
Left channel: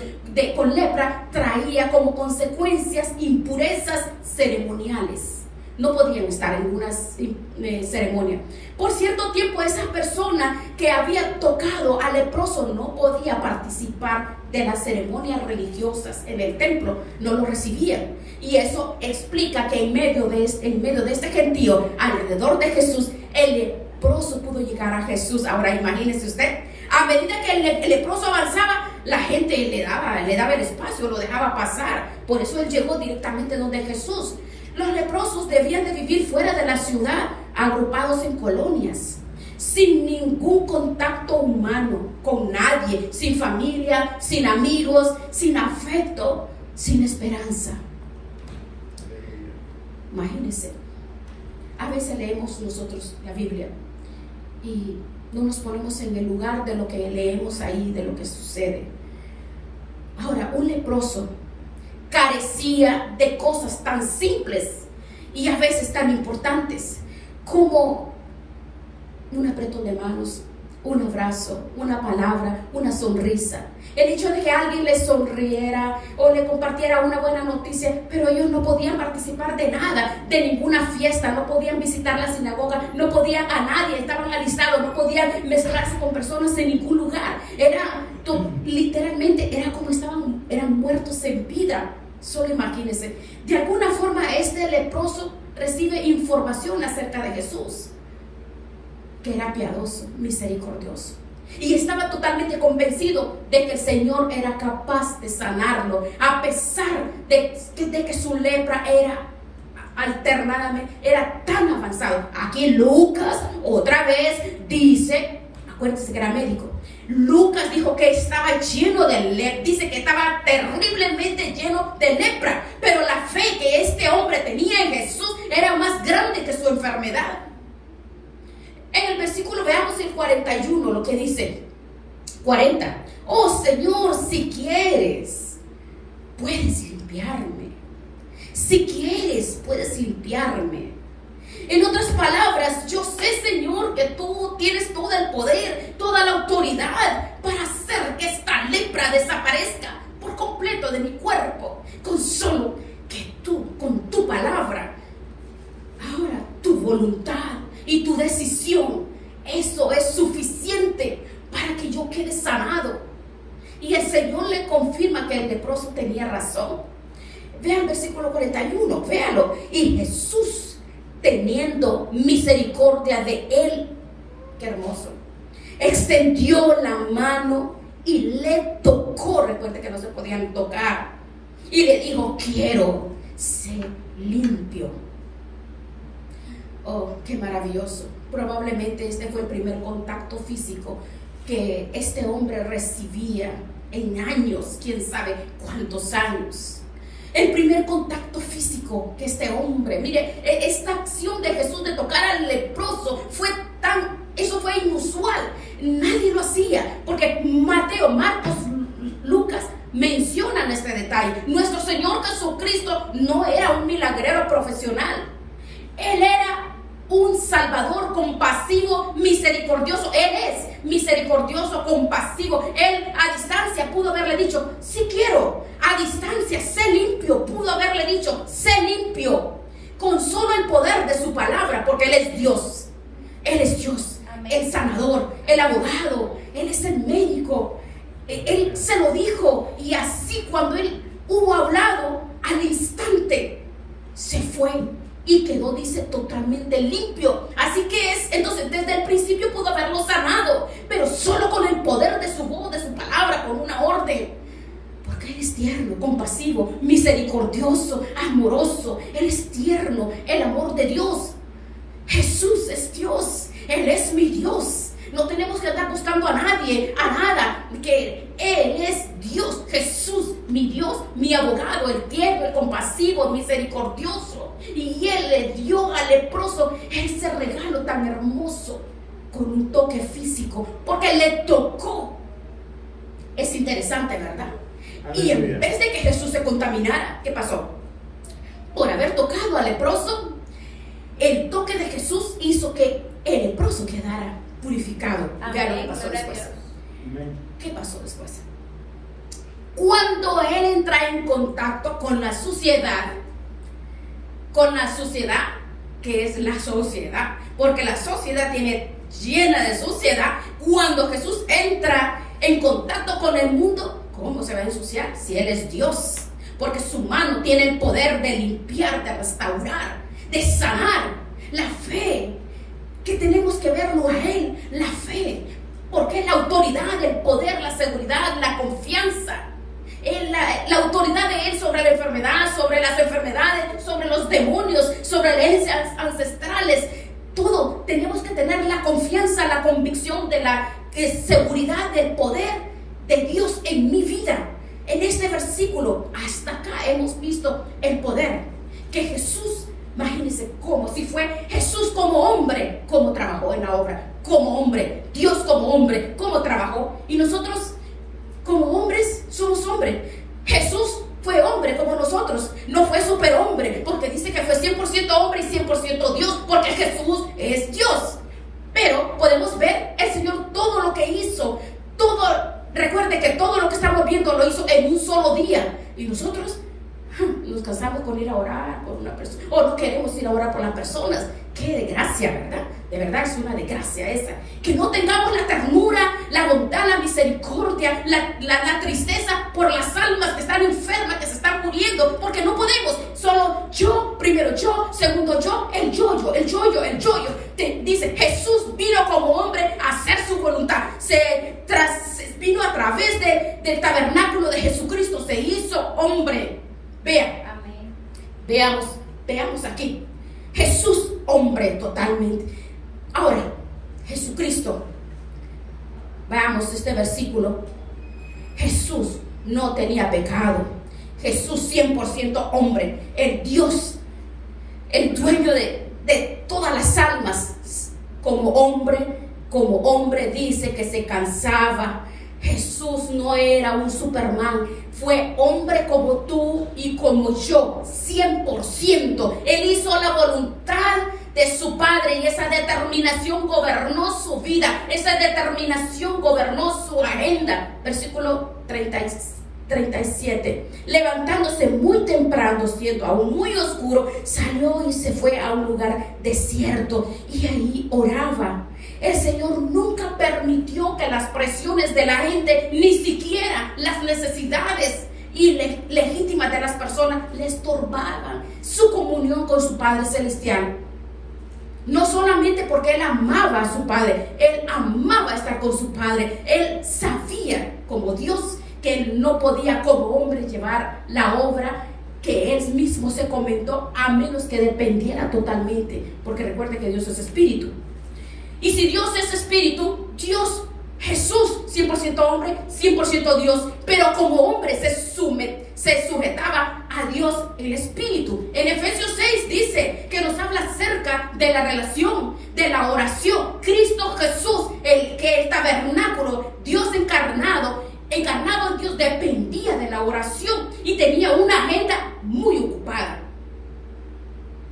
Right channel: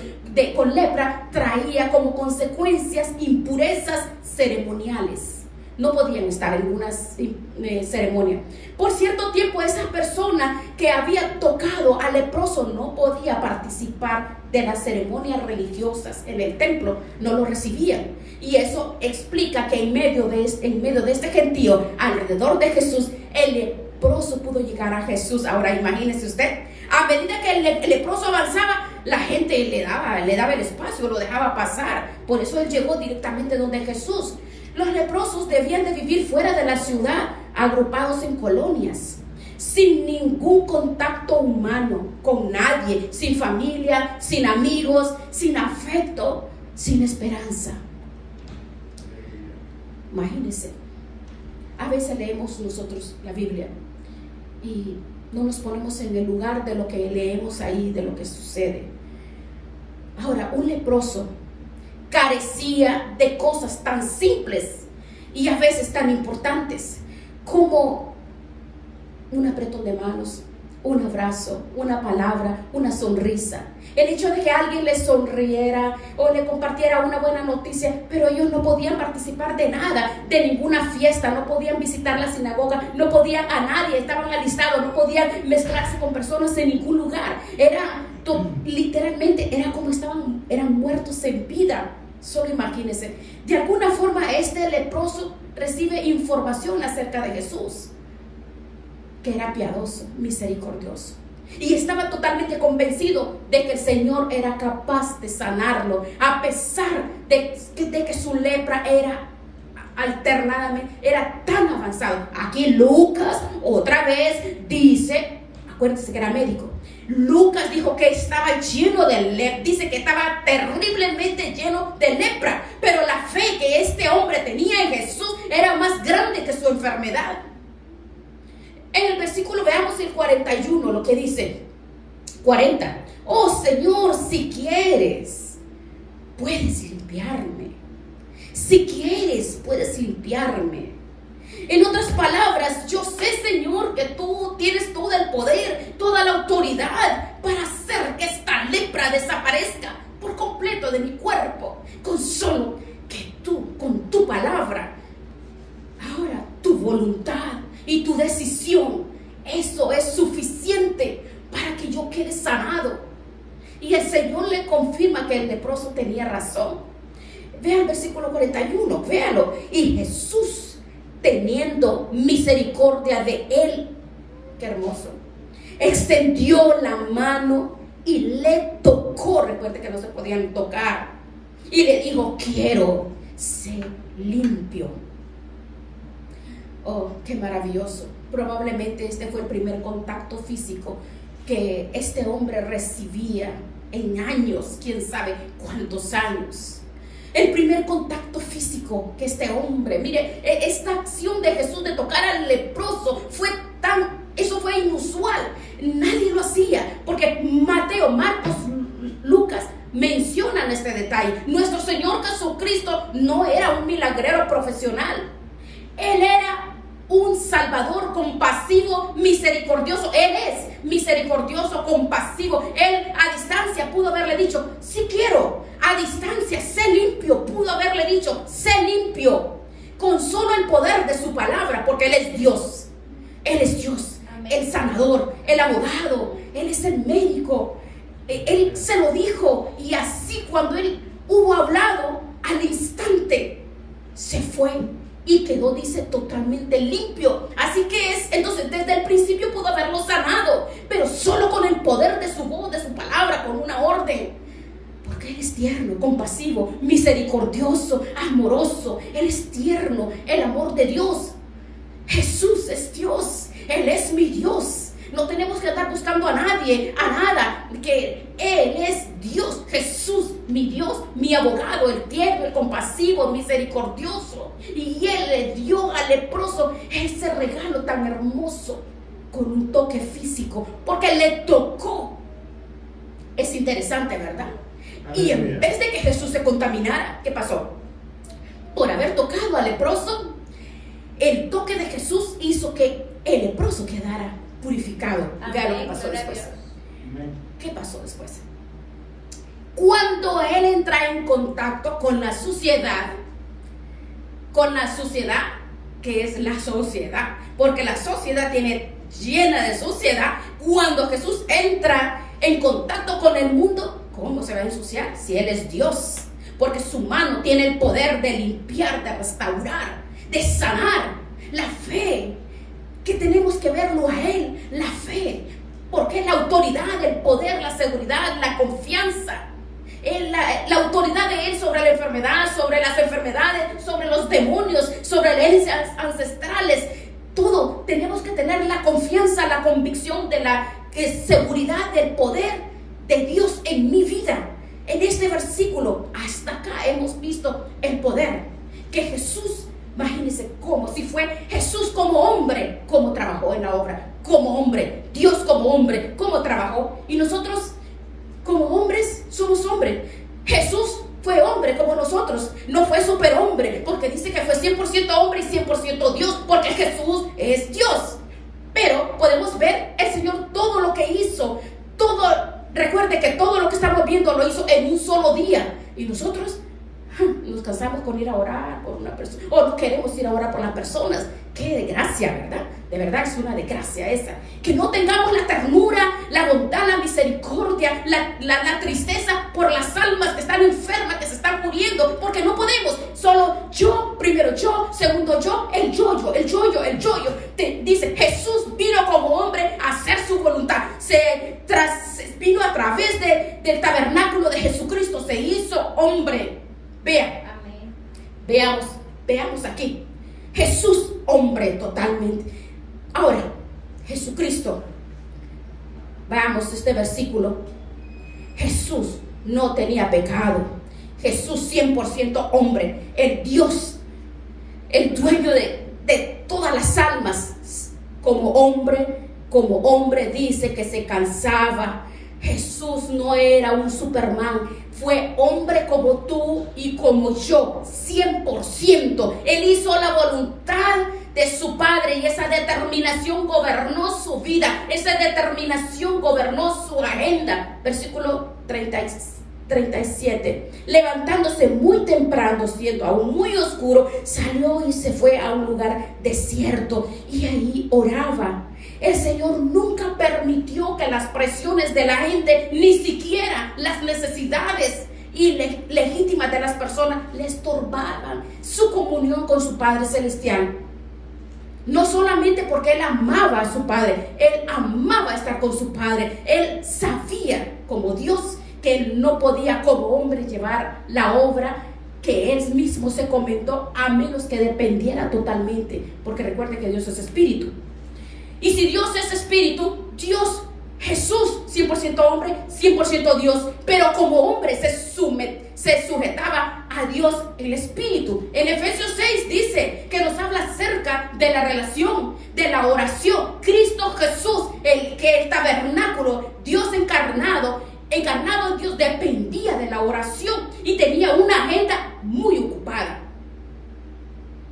con lepra, traía como consecuencias impurezas ceremoniales. No podían estar en una ceremonia. Por cierto tiempo, esa persona que había tocado al leproso no podía participar de las ceremonias religiosas en el templo, no lo recibían. Y eso explica que en medio de este gentío, alrededor de Jesús, el leproso pudo llegar a Jesús. Ahora imagínese usted, a medida que el leproso avanzaba, la gente le daba el espacio, lo dejaba pasar. Por eso él llegó directamente donde Jesús. Los leprosos debían de vivir fuera de la ciudad, agrupados en colonias, sin ningún contacto humano con nadie, sin familia, sin amigos, sin afecto, sin esperanza. Imagínense, A veces leemos nosotros la Biblia y no nos ponemos en el lugar de lo que leemos ahí, de lo que sucede. Ahora, un leproso carecía de cosas tan simples y a veces tan importantes como un apretón de manos, un abrazo, una palabra, una sonrisa. El hecho de que alguien le sonriera o le compartiera una buena noticia, pero ellos no podían participar de nada, de ninguna fiesta, no podían visitar la sinagoga, no podían a nadie, estaban alistados, no podían mezclarse con personas en ningún lugar. Literalmente era como eran muertos en vida. Solo imagínense. De alguna forma este leproso recibe información acerca de Jesús, que era piadoso, misericordioso, y estaba totalmente convencido de que el Señor era capaz de sanarlo, a pesar de que su lepra era tan avanzado. Aquí Lucas otra vez dice, acuérdense que era médico, Lucas dijo que estaba lleno de lepra, dice que estaba terriblemente lleno de lepra, pero la fe que este hombre tenía en Jesús era más grande que su enfermedad. En el versículo, veamos el 41, lo que dice 40. Oh Señor, si quieres, puedes limpiarme. Si quieres, puedes limpiarme. En otras palabras, yo sé, Señor, que tú tienes todo el poder, toda la autoridad para hacer que esta lepra desaparezca por completo de mi cuerpo, con solo que tú, con tu palabra. Ahora, tu voluntad y tu decisión, eso es suficiente para que yo quede sanado. Y el Señor le confirma que el leproso tenía razón. Vean el versículo 41, véalo. Y Jesús, teniendo misericordia de él, qué hermoso, extendió la mano y le tocó. Recuerde que no se podían tocar. Y le dijo, quiero ser limpio. Oh, qué maravilloso. Probablemente este fue el primer contacto físico que este hombre recibía en años, quién sabe cuántos años. El primer contacto físico que este hombre, mire, esta acción de Jesús de tocar al leproso eso fue inusual. Nadie lo hacía, porque Mateo, Marcos, Lucas mencionan este detalle. Nuestro Señor Jesucristo no era un milagrero profesional. Él era un Salvador compasivo, misericordioso. Él es misericordioso, compasivo. Él a distancia pudo haberle dicho, sí quiero. A distancia, sé limpio. Pudo haberle dicho, sé limpio. Con solo el poder de su palabra, porque Él es Dios. Él es Dios, el sanador, el abogado. Él es el médico. Él se lo dijo. Y así cuando Él hubo hablado, al instante se fue. Y quedó, dice, totalmente limpio. Así que entonces desde el principio pudo haberlo sanado, pero solo con el poder de su voz, de su palabra, con una orden. Porque Él es tierno, compasivo, misericordioso, amoroso. Él es tierno, el amor de Dios. Jesús es Dios, Él es mi Dios. No tenemos que andar buscando a nadie, a nada, que Él es Dios, Jesús, mi Dios, mi abogado, el tierno, el compasivo, el misericordioso. Y Él le dio al leproso ese regalo tan hermoso con un toque físico, porque le tocó. Es interesante, ¿verdad? Y en vez de que Jesús se contaminara, ¿qué pasó? Por haber tocado al leproso, el toque de Jesús hizo que el leproso quedara purificado. Vean lo que pasó después. ¿Qué pasó después? Cuando él entra en contacto con la suciedad, que es la sociedad, porque la sociedad tiene llena de suciedad. Cuando Jesús entra en contacto con el mundo, ¿cómo se va a ensuciar? Si Él es Dios, porque su mano tiene el poder de limpiar, de restaurar, de sanar. La fe, que tenemos que verlo a Él, la fe, porque es la autoridad, el poder, la seguridad, la confianza, la autoridad de Él sobre la enfermedad, sobre las enfermedades, sobre los demonios, sobre herencias ancestrales. Todo tenemos que tener la confianza, la convicción de la seguridad del poder de Dios en mi vida. En este versículo, hasta acá hemos visto el poder que Jesús, imagínense como si fue Jesús cómo trabajó en la obra, como hombre, Dios como hombre, cómo trabajó. Y nosotros, como hombres, somos hombres. Jesús fue hombre como nosotros, no fue superhombre, porque dice que fue 100% hombre y 100% Dios, porque Jesús es Dios. Pero podemos ver el Señor todo lo que hizo, todo. Recuerde que todo lo que estamos viendo lo hizo en un solo día. Y nosotros nos cansamos con ir a orar por una persona, o no queremos ir a orar por las personas. Qué desgracia, ¿verdad? De verdad es una desgracia esa. Que no tengamos la ternura, la bondad, la misericordia, la tristeza por las almas que están enfermas, que se están muriendo, porque no podemos. Solo yo, primero yo, segundo yo, el yo-yo. Dice, Jesús vino como hombre a hacer su voluntad. Vino a través del tabernáculo de Jesucristo, se hizo hombre. Veamos aquí. Jesús, hombre totalmente. Ahora, Jesucristo. Veamos este versículo. Jesús no tenía pecado. Jesús 100% hombre. El Dios, el dueño de todas las almas. Como hombre dice que se cansaba. Jesús no era un Superman, fue hombre como tú y como yo, 100%. Él hizo la voluntad de su Padre y esa determinación gobernó su vida, esa determinación gobernó su agenda. Versículo 37. Levantándose muy temprano, siendo aún muy oscuro, salió y se fue a un lugar desierto y ahí oraba. El Señor nunca permitió que las presiones de la gente, ni siquiera las necesidades legítimas de las personas, le estorbaran su comunión con su Padre Celestial. No solamente porque Él amaba a su Padre, Él amaba estar con su Padre. Él sabía, como Dios, que Él no podía como hombre llevar la obra que Él mismo se comentó, a menos que dependiera totalmente, porque recuerde que Dios es espíritu. Y si Dios es espíritu, Jesús 100% hombre, 100% Dios, pero como hombre se sujetaba a Dios el espíritu. En Efesios 6 dice que nos habla acerca de la relación, de la oración. Cristo Jesús, el tabernáculo, Dios encarnado en Dios, dependía de la oración y tenía una agenda muy ocupada.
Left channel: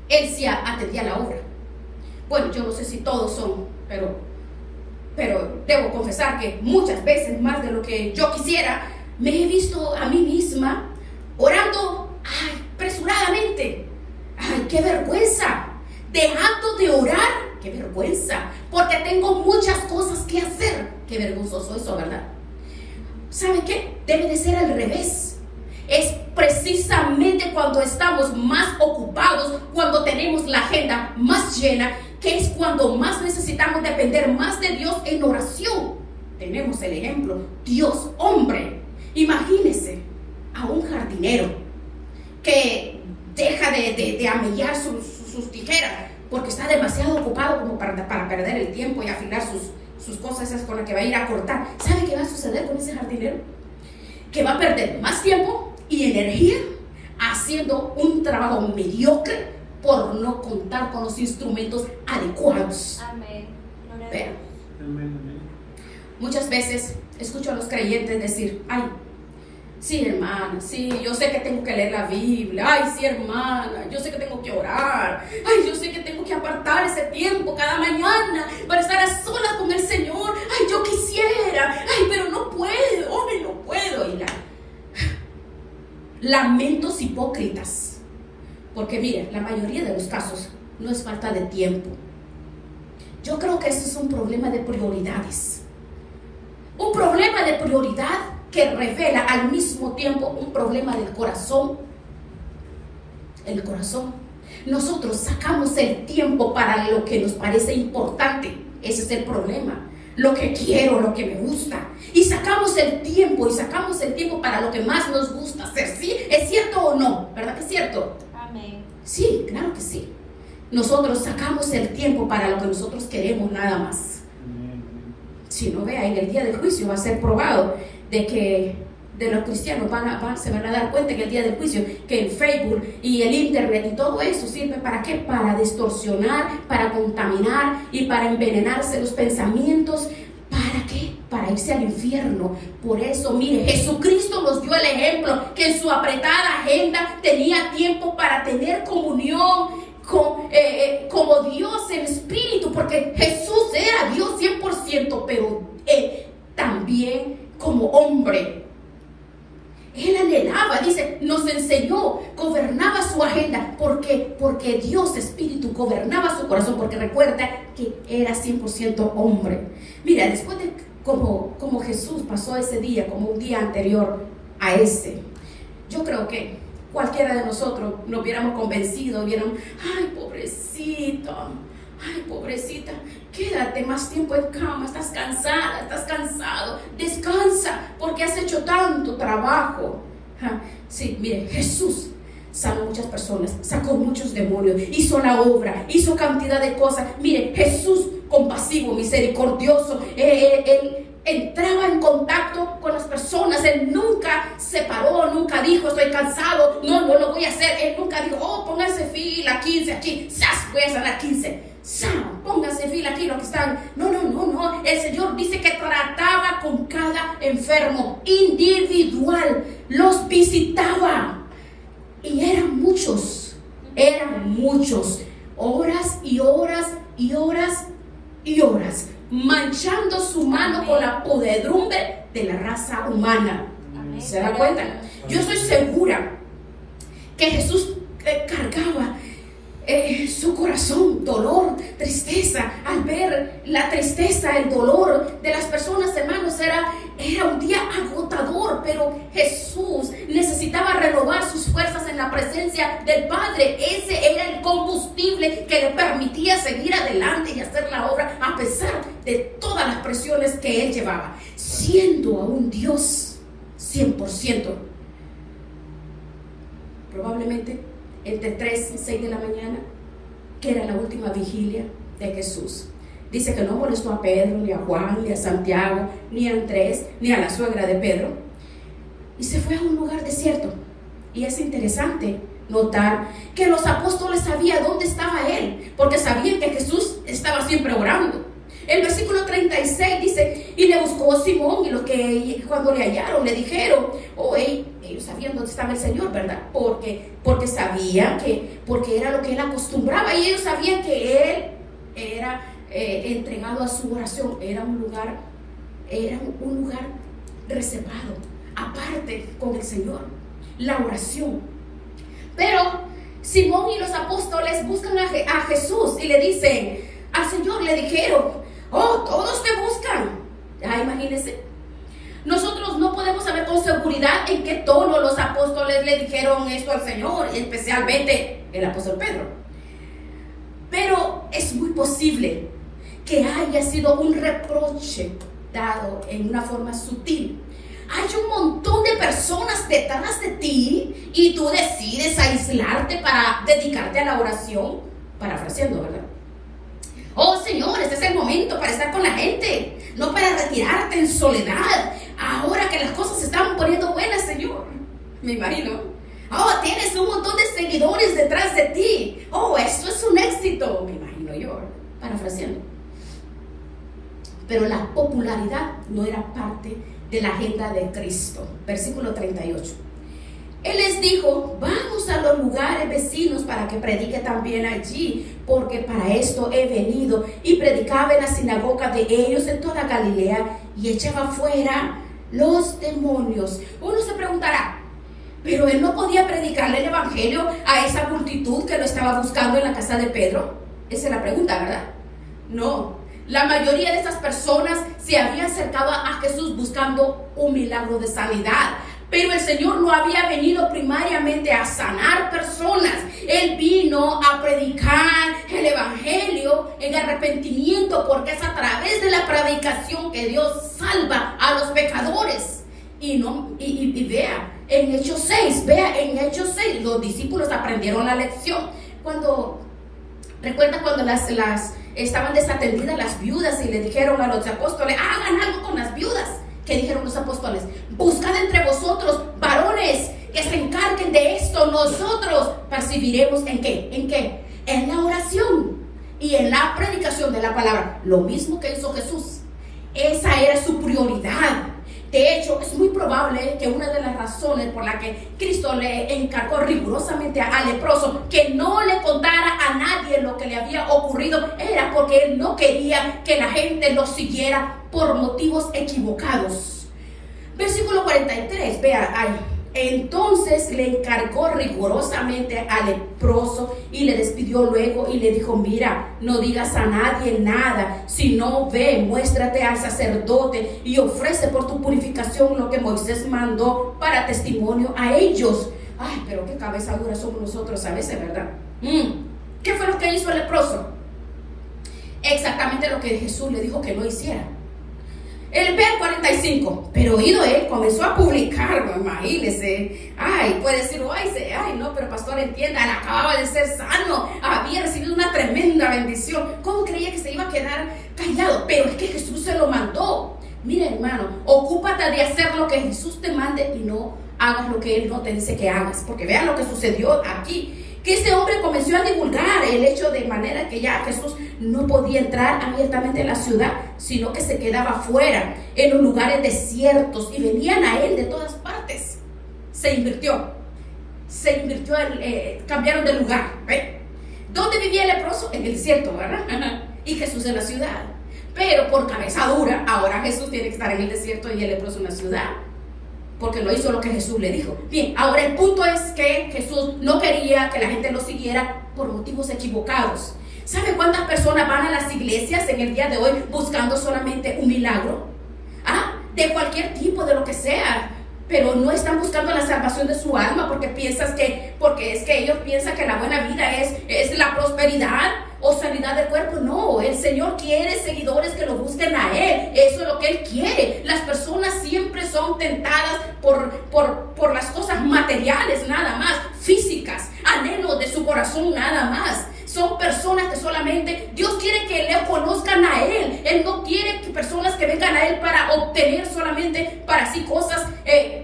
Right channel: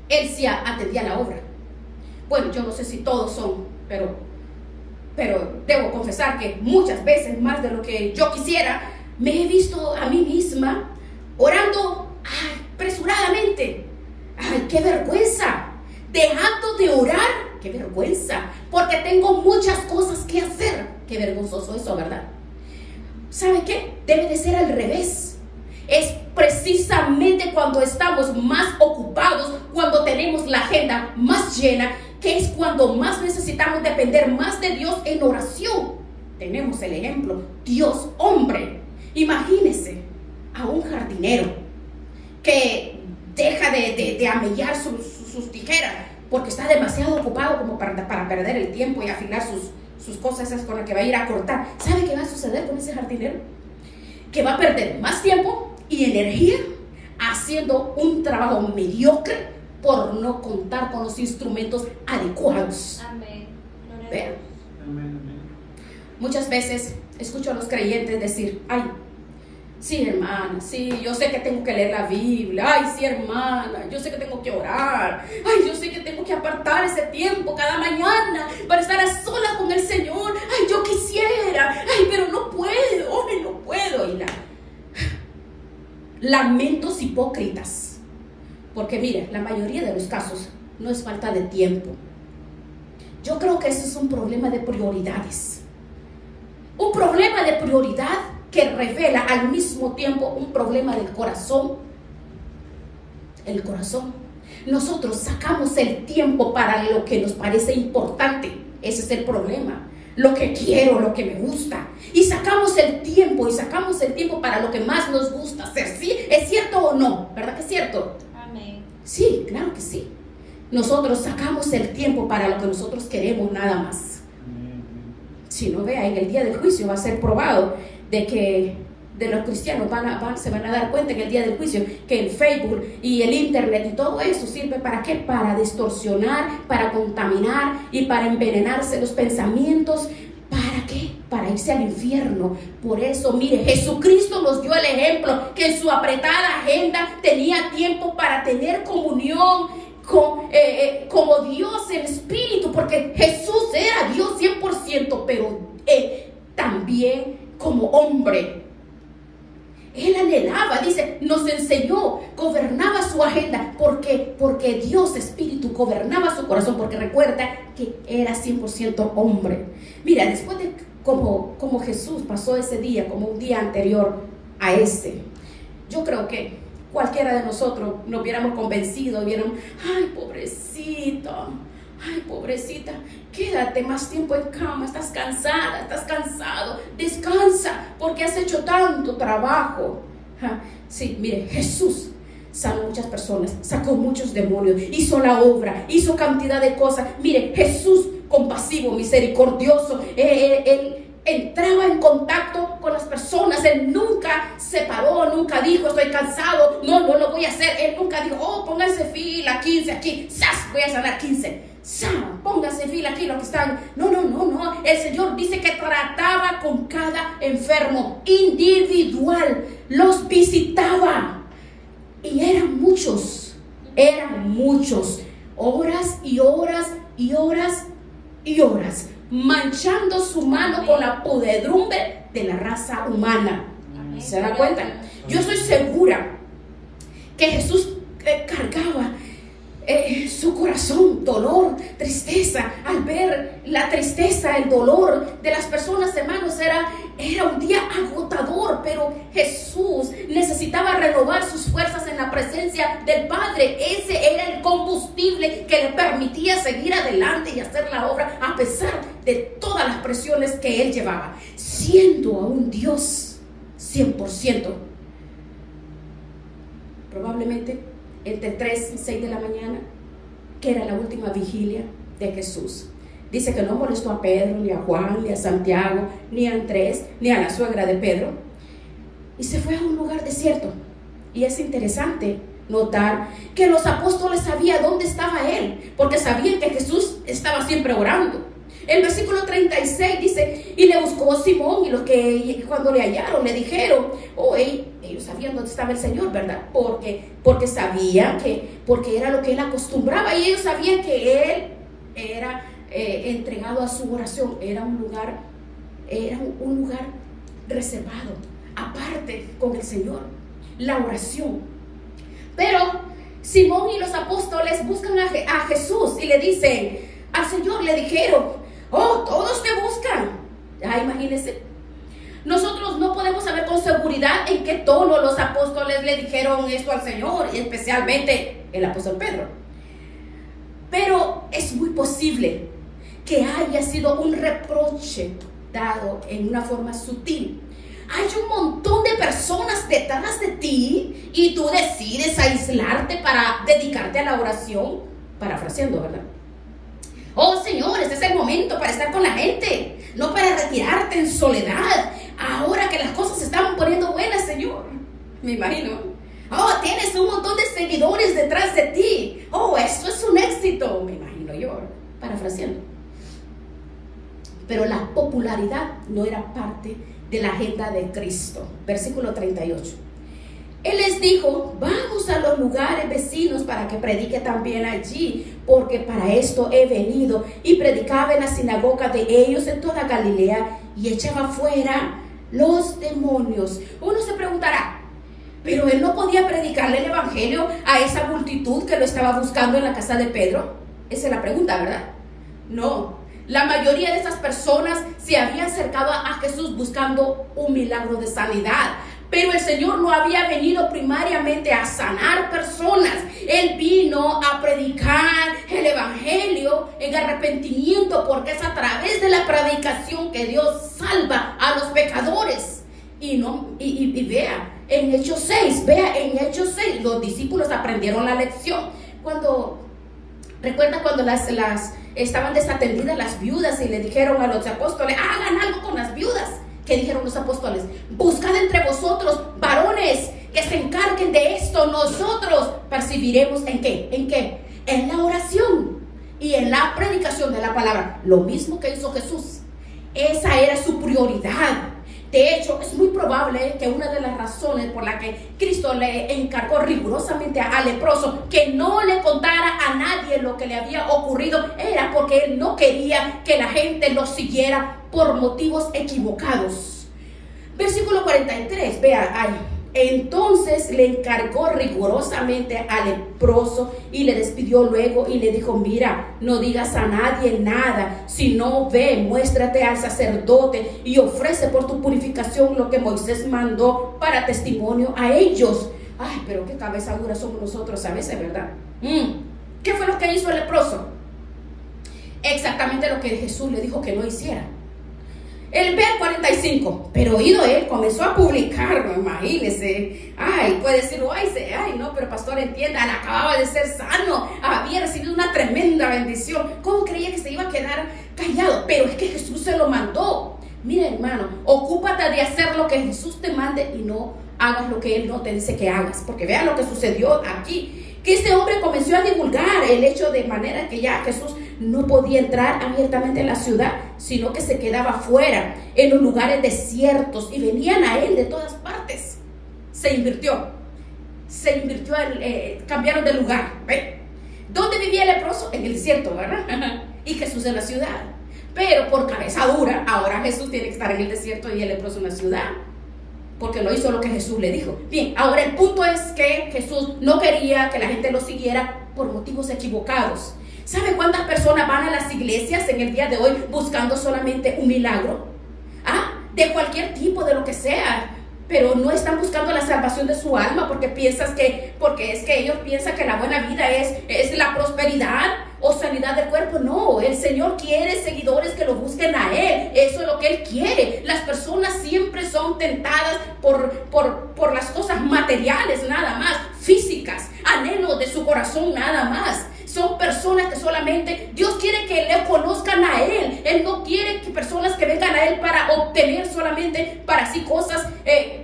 Él sí atendía la obra. Bueno, yo no sé si todos son, pero debo confesar que muchas veces, más de lo que yo quisiera, me he visto a mí misma orando apresuradamente. ¡Ay, qué vergüenza! Dejando de orar, ¡qué vergüenza! Porque tengo muchas cosas que hacer. ¡Qué vergonzoso eso, ¿verdad? ¿Sabe qué? Debe de ser al revés. Es precisamente cuando estamos más ocupados, cuando tenemos la agenda más llena, que es cuando más necesitamos depender más de Dios en oración. Tenemos el ejemplo, Dios hombre. Imagínese a un jardinero que deja de amellar sus tijeras porque está demasiado ocupado como para perder el tiempo y afinar sus cosas esas con las que va a ir a cortar. ¿Sabe qué va a suceder con ese jardinero? Que va a perder más tiempo y energía haciendo un trabajo mediocre por no contar con los instrumentos adecuados. Amén. Vean. Muchas veces escucho a los creyentes decir, ay, sí, hermana, sí, yo sé que tengo que leer la Biblia, ay, sí, hermana, yo sé que tengo que orar, ay, yo sé que tengo que apartar ese tiempo cada mañana para estar a solas con el Señor, ay, yo quisiera, ay, pero no puedo, ay, no puedo. Y lamentos hipócritas. Porque mire, la mayoría de los casos no es falta de tiempo. Yo creo que ese es un problema de prioridades. Un problema de prioridad que revela al mismo tiempo un problema del corazón. El corazón. Nosotros sacamos el tiempo para lo que nos parece importante. Ese es el problema. Lo que quiero, lo que me gusta. Y sacamos el tiempo para lo que más nos gusta hacer. ¿Sí? ¿Es cierto o no? ¿Verdad que es cierto? Sí, claro que sí. Nosotros sacamos el tiempo para lo que nosotros queremos nada más. Si no, vea, en el día del juicio va a ser probado de que de los cristianos se van a dar cuenta en el día del juicio que el Facebook y el internet y todo eso sirve ¿para qué? Para distorsionar, para contaminar y para envenenarse los pensamientos. ¿Para qué? Para irse al infierno. Por eso, mire, Jesucristo nos dio el ejemplo que en su apretada agenda tenía tiempo para tener comunión como Dios en espíritu, porque Jesús era Dios 100%, pero también como hombre. Él anhelaba, dice, nos enseñó, gobernaba su agenda, porque Dios Espíritu gobernaba su corazón, porque recuerda que era 100% hombre. Mira, después de como Jesús pasó ese día, como un día anterior a ese, yo creo que cualquiera de nosotros nos hubiéramos convencido, hubiéramos, ay, pobrecita, quédate más tiempo en cama, estás cansada, estás cansado, descansa, porque has hecho tanto trabajo. Sí, mire, Jesús sanó muchas personas, sacó muchos demonios, hizo la obra, hizo cantidad de cosas. Mire, Jesús compasivo, misericordioso, él entraba en contacto con las personas. Él nunca se paró, nunca dijo estoy cansado, no lo voy a hacer. Él nunca dijo, pónganse fila 15 aquí, voy a sanar 15, pónganse fila aquí los que están. No, el Señor dice que trataba con cada enfermo individual, los visitaba, y eran muchos, horas y horas y horas y horas, manchando su mano con la podredumbre de la raza humana. ¿Se da cuenta? Yo estoy segura que Jesús cargaba su corazón, dolor, tristeza, al ver la tristeza, el dolor de las personas, hermanos. Era un día agotador, pero Jesús necesitaba renovar sus fuerzas en la presencia del Padre. Ese era el combustible que le permitía seguir adelante y hacer la obra a pesar de todas las presiones que él llevaba, siendo aún Dios 100%. Probablemente entre 3 y 6 de la mañana, que era la última vigilia de Jesús. Dice que no molestó a Pedro, ni a Juan, ni a Santiago, ni a Andrés, ni a la suegra de Pedro, y se fue a un lugar desierto. Y es interesante notar que los apóstoles sabían dónde estaba él, porque sabían que Jesús estaba siempre orando. El versículo 36 dice, y le buscó a Simón, y los que cuando le hallaron le dijeron, ellos sabían dónde estaba el Señor, ¿verdad? Porque sabían porque era lo que él acostumbraba, y ellos sabían que él era entregado a su oración. Era un lugar reservado, aparte con el Señor, la oración. Pero Simón y los apóstoles buscan a Jesús y le dicen, al Señor le dijeron, todos te buscan. Imagínense, nosotros no podemos saber con seguridad en qué tono los apóstoles le dijeron esto al Señor, especialmente el apóstol Pedro. Pero es muy posible que haya sido un reproche dado en una forma sutil. Hay un montón de personas detrás de ti y tú decides aislarte para dedicarte a la oración, parafraseando, ¿verdad? Señor, este es el momento para estar con la gente, no para retirarte en soledad. Ahora que las cosas se están poniendo buenas, Señor, me imagino. Tienes un montón de seguidores detrás de ti. Esto es un éxito, me imagino yo, parafraseando. Pero la popularidad no era parte de la agenda de Cristo. Versículo 38. Él les dijo, vamos a los lugares vecinos para que predique también allí, porque para esto he venido. Y predicaba en la sinagoga de ellos en toda Galilea y echaba fuera los demonios. Uno se preguntará, pero él no podía predicarle el evangelio a esa multitud que lo estaba buscando en la casa de Pedro. Esa es la pregunta, ¿verdad? No. La mayoría de esas personas se habían acercado a Jesús buscando un milagro de sanidad. Pero el Señor no había venido primariamente a sanar personas. Él vino a predicar el evangelio en arrepentimiento, porque es a través de la predicación que Dios salva a los pecadores. Y vea, en Hechos 6, los discípulos aprendieron la lección. Recuerda cuando estaban desatendidas las viudas y le dijeron a los apóstoles, hagan algo con las viudas. ¿Qué dijeron los apóstoles? Buscad entre vosotros varones que se encarguen de esto. Nosotros percibiremos ¿en qué? ¿En qué? En la oración y en la predicación de la palabra. Lo mismo que hizo Jesús. Esa era su prioridad. De hecho, es muy probable que una de las razones por la que Cristo le encargó rigurosamente al leproso que no le contara a nadie lo que le había ocurrido era porque él no quería que la gente lo siguiera por motivos equivocados. Versículo 43, vea ahí. Entonces le encargó rigurosamente al leproso y le despidió luego y le dijo: mira, no digas a nadie nada, sino ve, muéstrate al sacerdote y ofrece por tu purificación lo que Moisés mandó para testimonio a ellos. Ay, pero qué cabeza dura somos nosotros a veces, ¿verdad? ¿Qué fue lo que hizo el leproso? Exactamente lo que Jesús le dijo que no hiciera. El verso 45, pero oído él comenzó a publicarlo, imagínese. Ay, puede decir, ay, no, pero pastor, entienda, él acababa de ser sano, había recibido una tremenda bendición. ¿Cómo creía que se iba a quedar callado? Pero es que Jesús se lo mandó. Mira, hermano, ocúpate de hacer lo que Jesús te mande y no hagas lo que Él no te dice que hagas. Porque vean lo que sucedió aquí. Que este hombre comenzó a divulgar el hecho de manera que ya Jesús no podía entrar abiertamente en la ciudad, sino que se quedaba fuera, en los lugares desiertos, y venían a él de todas partes. Se invirtió, cambiaron de lugar. ¿Dónde vivía el leproso? En el desierto, ¿verdad? Y Jesús en la ciudad. Pero por cabeza dura, ahora Jesús tiene que estar en el desierto y el leproso en la ciudad, porque no hizo lo que Jesús le dijo. Bien, ahora el punto es que Jesús no quería que la gente lo siguiera por motivos equivocados. ¿Sabe cuántas personas van a las iglesias en el día de hoy buscando solamente un milagro? De cualquier tipo, de lo que sea, pero no están buscando la salvación de su alma porque es que ellos piensan que la buena vida es la prosperidad o sanidad del cuerpo. No, el Señor quiere seguidores que lo busquen a Él. Eso es lo que Él quiere. Las personas siempre son tentadas por las cosas materiales, nada más, físicas, anhelos de su corazón, nada más. Son personas que solamente Dios quiere que le conozcan a Él. Él no quiere que personas que vengan a Él para obtener solamente para sí cosas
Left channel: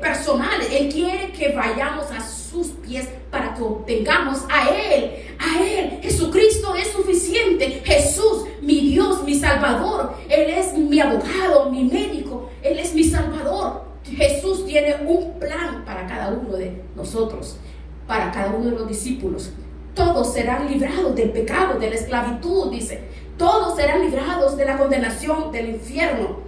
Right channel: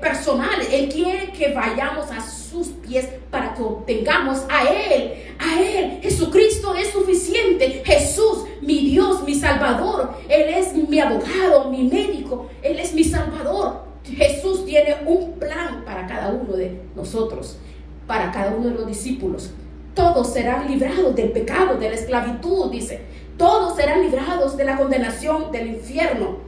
personales. Él quiere que vayamos a sus pies para que obtengamos a Él. A Él. Jesucristo es suficiente. Jesús, mi Dios, mi Salvador. Él es mi abogado, mi médico. Él es mi Salvador. Jesús tiene un plan para cada uno de nosotros, para cada uno de los discípulos. Todos serán librados del pecado, de la esclavitud, dice. Todos serán librados de la condenación, del infierno.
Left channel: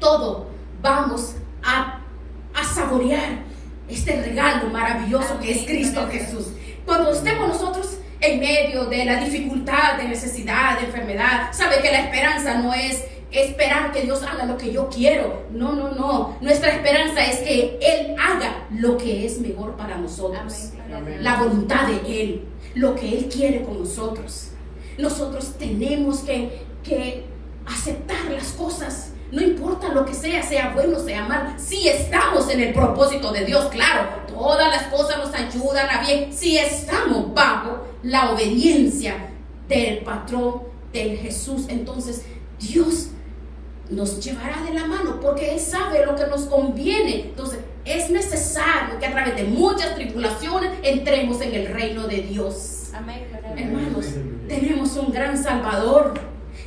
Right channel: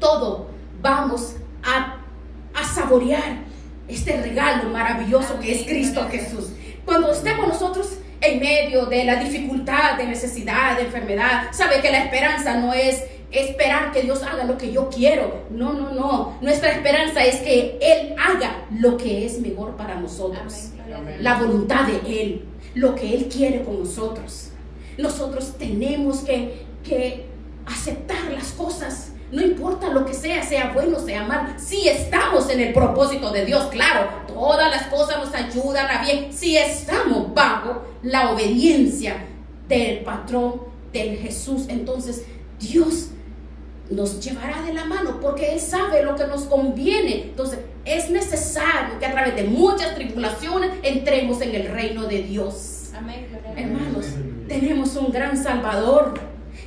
Todos vamos a saborear este regalo maravilloso que es Cristo Jesús. Cuando estemos nosotros en medio de la dificultad, de necesidad, de enfermedad, sabe que la esperanza no es esperar que Dios haga lo que yo quiero. No, no, no. Nuestra esperanza es que Él haga lo que es mejor para nosotros. La voluntad de Él, lo que Él quiere con nosotros. Nosotros tenemos que aceptar las cosas, no importa lo que sea bueno, sea mal. Si estamos en el propósito de Dios, claro, todas las cosas nos ayudan a bien si estamos bajo la obediencia del patrón, del Jesús. Entonces Dios nos llevará de la mano porque Él sabe lo que nos conviene. Entonces es necesario que a través de muchas tribulaciones entremos en el reino de Dios. Amén. Hermanos, tenemos un gran Salvador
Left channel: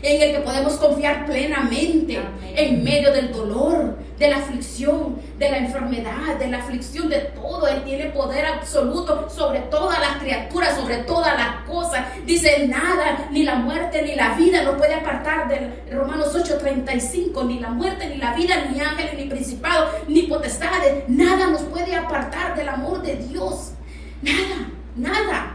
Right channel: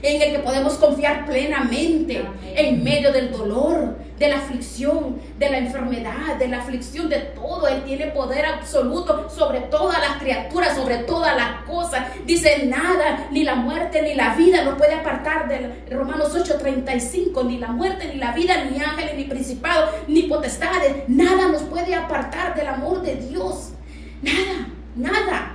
en el que podemos confiar plenamente en medio del dolor, de la aflicción, de la enfermedad, de la aflicción, de todo. Él tiene poder absoluto sobre todas las criaturas, sobre todas las cosas. Dice: nada, ni la muerte ni la vida nos puede apartar de Romanos 8:35. Ni la muerte ni la vida, ni ángeles, ni principados, ni potestades, nada nos puede apartar del amor de Dios. Nada, nada.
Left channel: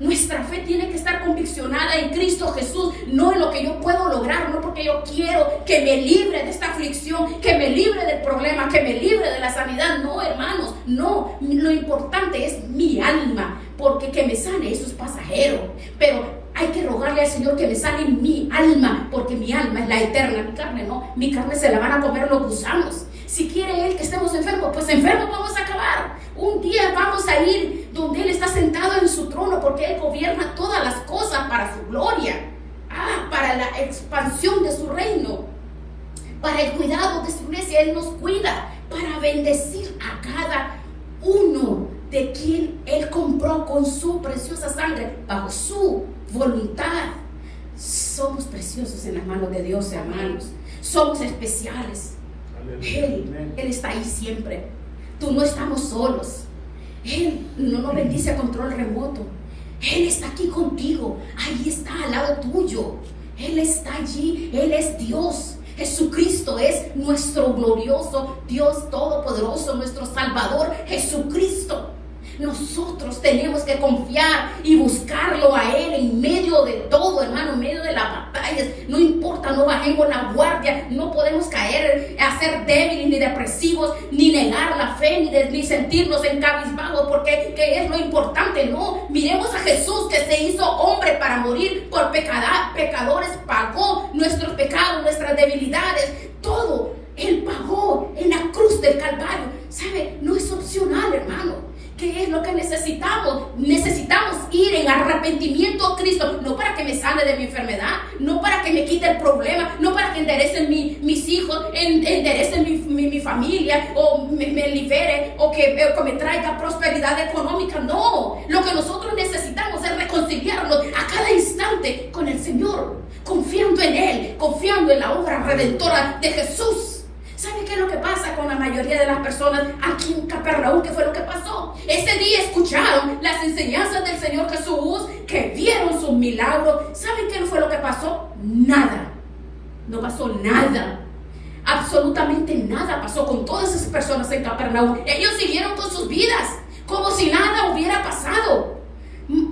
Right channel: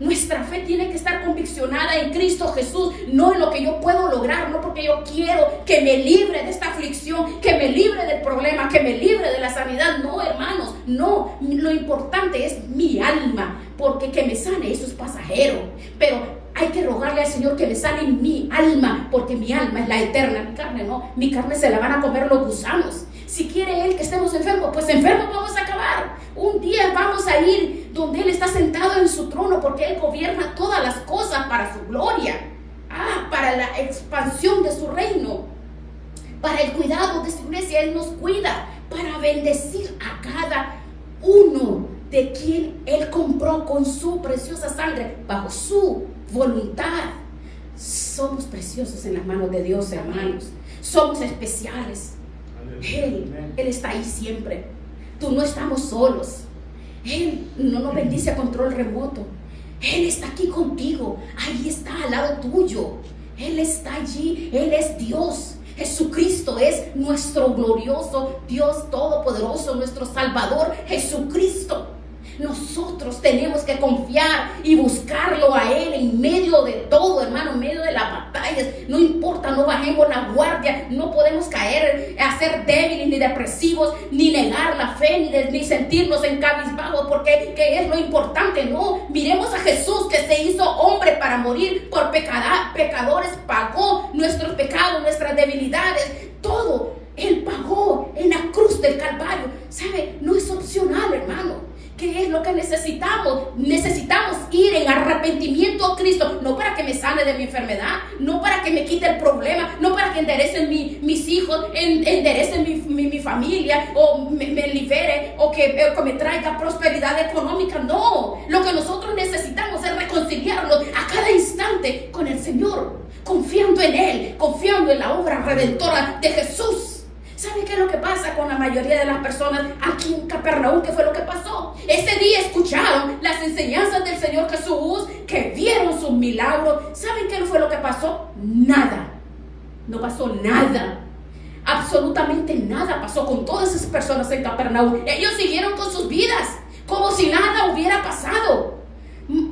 Nuestra fe tiene que estar conviccionada en Cristo Jesús, no en lo que yo puedo lograr, no porque yo quiero que me libre de esta aflicción, que me libre del problema, que me libre de la sanidad. No, hermanos, no. Lo importante es mi alma, porque que me sane, eso es pasajero. Pero hay que rogarle al Señor que me sane mi alma, porque mi alma es la eterna. Mi carne no, mi carne se la van a comer los gusanos. Si quiere Él que estemos enfermos, pues enfermos vamos a acabar. Un día vamos a ir donde Él está sentado en su trono, porque Él gobierna todas las cosas para su gloria, para la expansión de su reino. para el cuidado de su iglesia. Él nos cuida para bendecir a cada uno de quien Él compró con su preciosa sangre, bajo su voluntad. Somos preciosos en las manos de Dios, hermanos. Somos especiales. Él está ahí siempre. Tú no estamos solos. Él no nos bendice a control remoto. Él está aquí contigo. Ahí está al lado tuyo. Él está allí. Él es Dios. Jesucristo es nuestro glorioso Dios todopoderoso, nuestro Salvador Jesucristo. Nosotros tenemos que confiar y buscarlo a Él en medio de todo, hermano, en medio de las batallas. No importa, no bajemos la guardia, no podemos caer a ser débiles ni depresivos, ni negar la fe, ni sentirnos en cabizbajo, porque ¿qué es lo importante? No, miremos a Jesús, que se hizo hombre para morir por pecadores, pagó nuestros pecados, nuestras debilidades, todo. Él pagó en la cruz del Calvario. ¿Sabe? No es opcional, hermano. ¿Qué es lo que necesitamos? Necesitamos ir en arrepentimiento a Cristo, no para que me sane de mi enfermedad, no para que me quite el problema, no para que enderecen mis hijos, enderecen mi familia, o me libere, o que me traiga prosperidad económica. No, lo que nosotros necesitamos es reconciliarnos a cada instante con el Señor, confiando en Él, confiando en la obra redentora de Jesús. ¿Sabe qué es lo que pasa con la mayoría de las personas aquí en Capernaum? ¿Qué fue lo que pasó? Ese día escucharon las enseñanzas del Señor Jesús, que vieron sus milagros. ¿Saben qué fue lo que pasó? Nada. No pasó nada. Absolutamente nada pasó con todas esas personas en Capernaum. Ellos siguieron con sus vidas, como si nada hubiera pasado.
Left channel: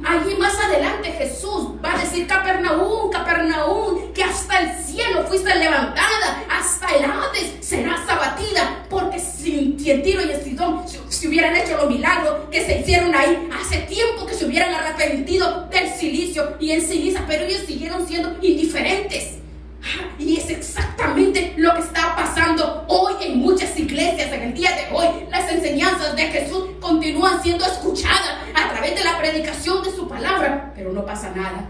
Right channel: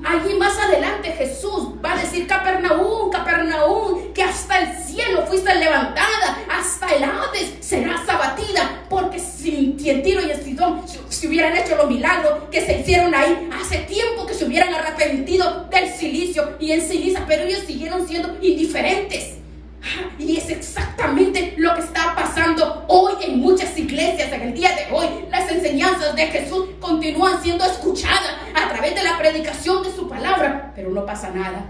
Allí más adelante Jesús va a decir: Capernaum, Capernaum, que hasta el cielo fuiste levantada, hasta el Hades serás abatida, porque si en Tiro y en Sidón se hubieran hecho los milagros que se hicieron ahí, hace tiempo que se hubieran arrepentido del silicio y en ceniza, pero ellos siguieron siendo indiferentes. Y es exactamente lo que está pasando hoy en muchas iglesias. En el día de hoy, las enseñanzas de Jesús continúan siendo escuchadas a través de la predicación de su palabra, pero no pasa nada.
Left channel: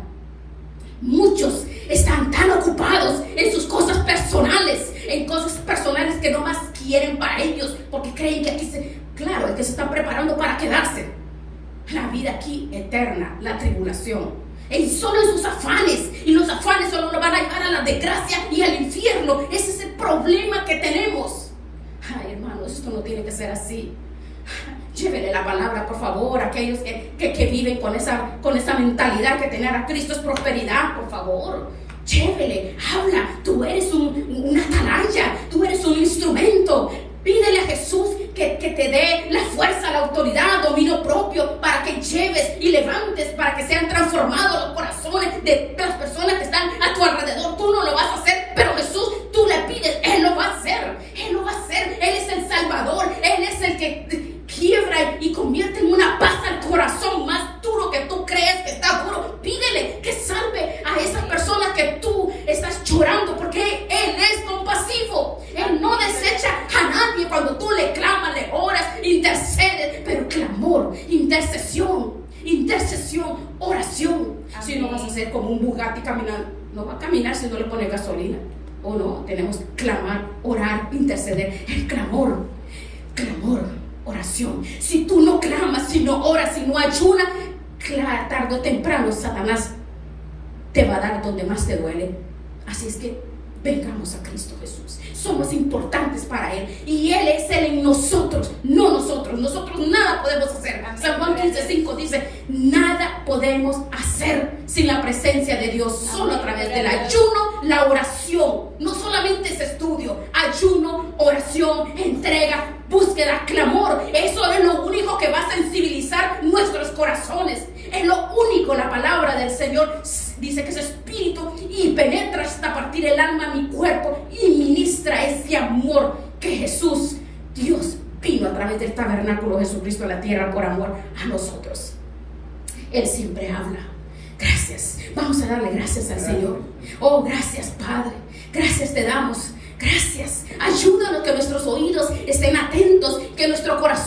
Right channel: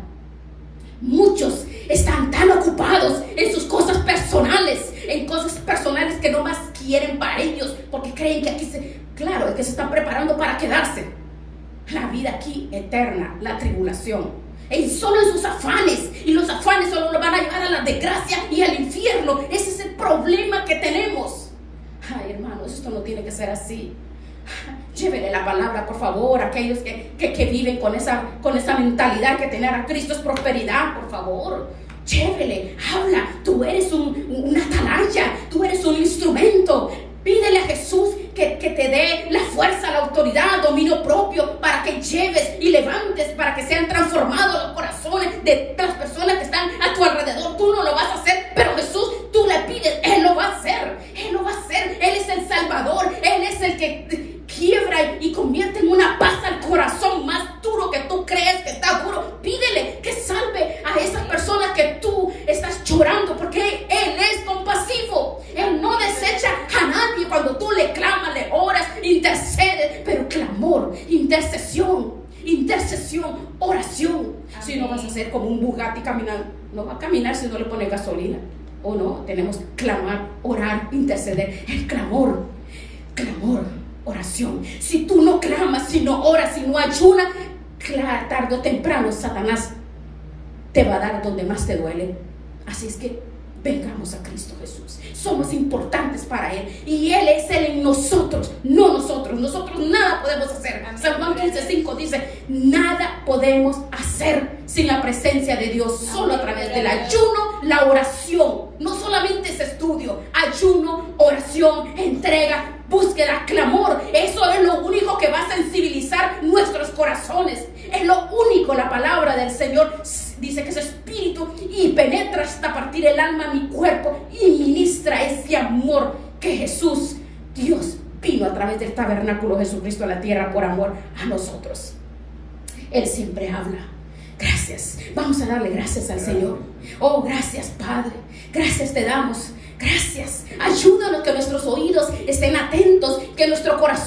Muchos están tan ocupados en sus cosas personales, que no más quieren para ellos, porque creen que aquí claro, que se están preparando para quedarse. La vida aquí eterna, la tribulación. Solo en sus afanes, y los afanes solo nos van a llevar a la desgracia y al infierno. Ese es el problema que tenemos. Ay, hermanos, esto no tiene que ser así. Llévenle la palabra, por favor, a aquellos que viven con esa mentalidad que tener a Cristo es prosperidad, por favor. Llévele, habla. Tú eres una atalaya, tú eres un instrumento. Pídele a Jesús que te dé la fuerza, la autoridad, dominio propio, para que lleves y levantes, para que sean transformados los corazones de las personas que están a tu alrededor. Tú no lo vas a hacer, pero Jesús, tú le pides, Él lo va a hacer. Él lo va a hacer. Él es el Salvador. Él es el que quiebra y convierte en una paz al corazón más duro que tú crees que está duro. Pídele que salve a esas personas que tú estás llorando, porque Él es compasivo. Él no desecha a nadie cuando tú le clamas, le oras, intercedes, pero clamor, intercesión, oración. Si no vas a ser como un Bugatti caminando, no va a caminar si no le pones gasolina. O no, tenemos que clamar, orar, interceder. El clamor, oración. Si tú no clamas, si no oras, si no ayunas, tarde o temprano Satanás te va a dar donde más te duele. Así es que vengamos a Cristo Jesús. Somos importantes para Él, y Él es Él en nosotros, no nosotros. Nosotros nada podemos hacer. San Juan 15:5 dice: nada podemos hacer sin la presencia de Dios, solo a través del ayuno, la oración. No solamente es estudio, ayuno, oración, entrega, búsqueda, clamor. Eso es lo único que va a sensibilizar nuestros corazones. Es lo único. La palabra del Señor dice que es espíritu y penetra hasta partir el alma, mi cuerpo, y ministra ese amor que Jesús, Dios, vino a través del tabernáculo Jesucristo a la tierra por amor a nosotros. Él siempre habla. Gracias. Vamos a darle gracias al Señor. Oh, gracias, Padre. Gracias te damos. Gracias. Ayúdanos que nuestros oídos estén atentos, que nuestro corazón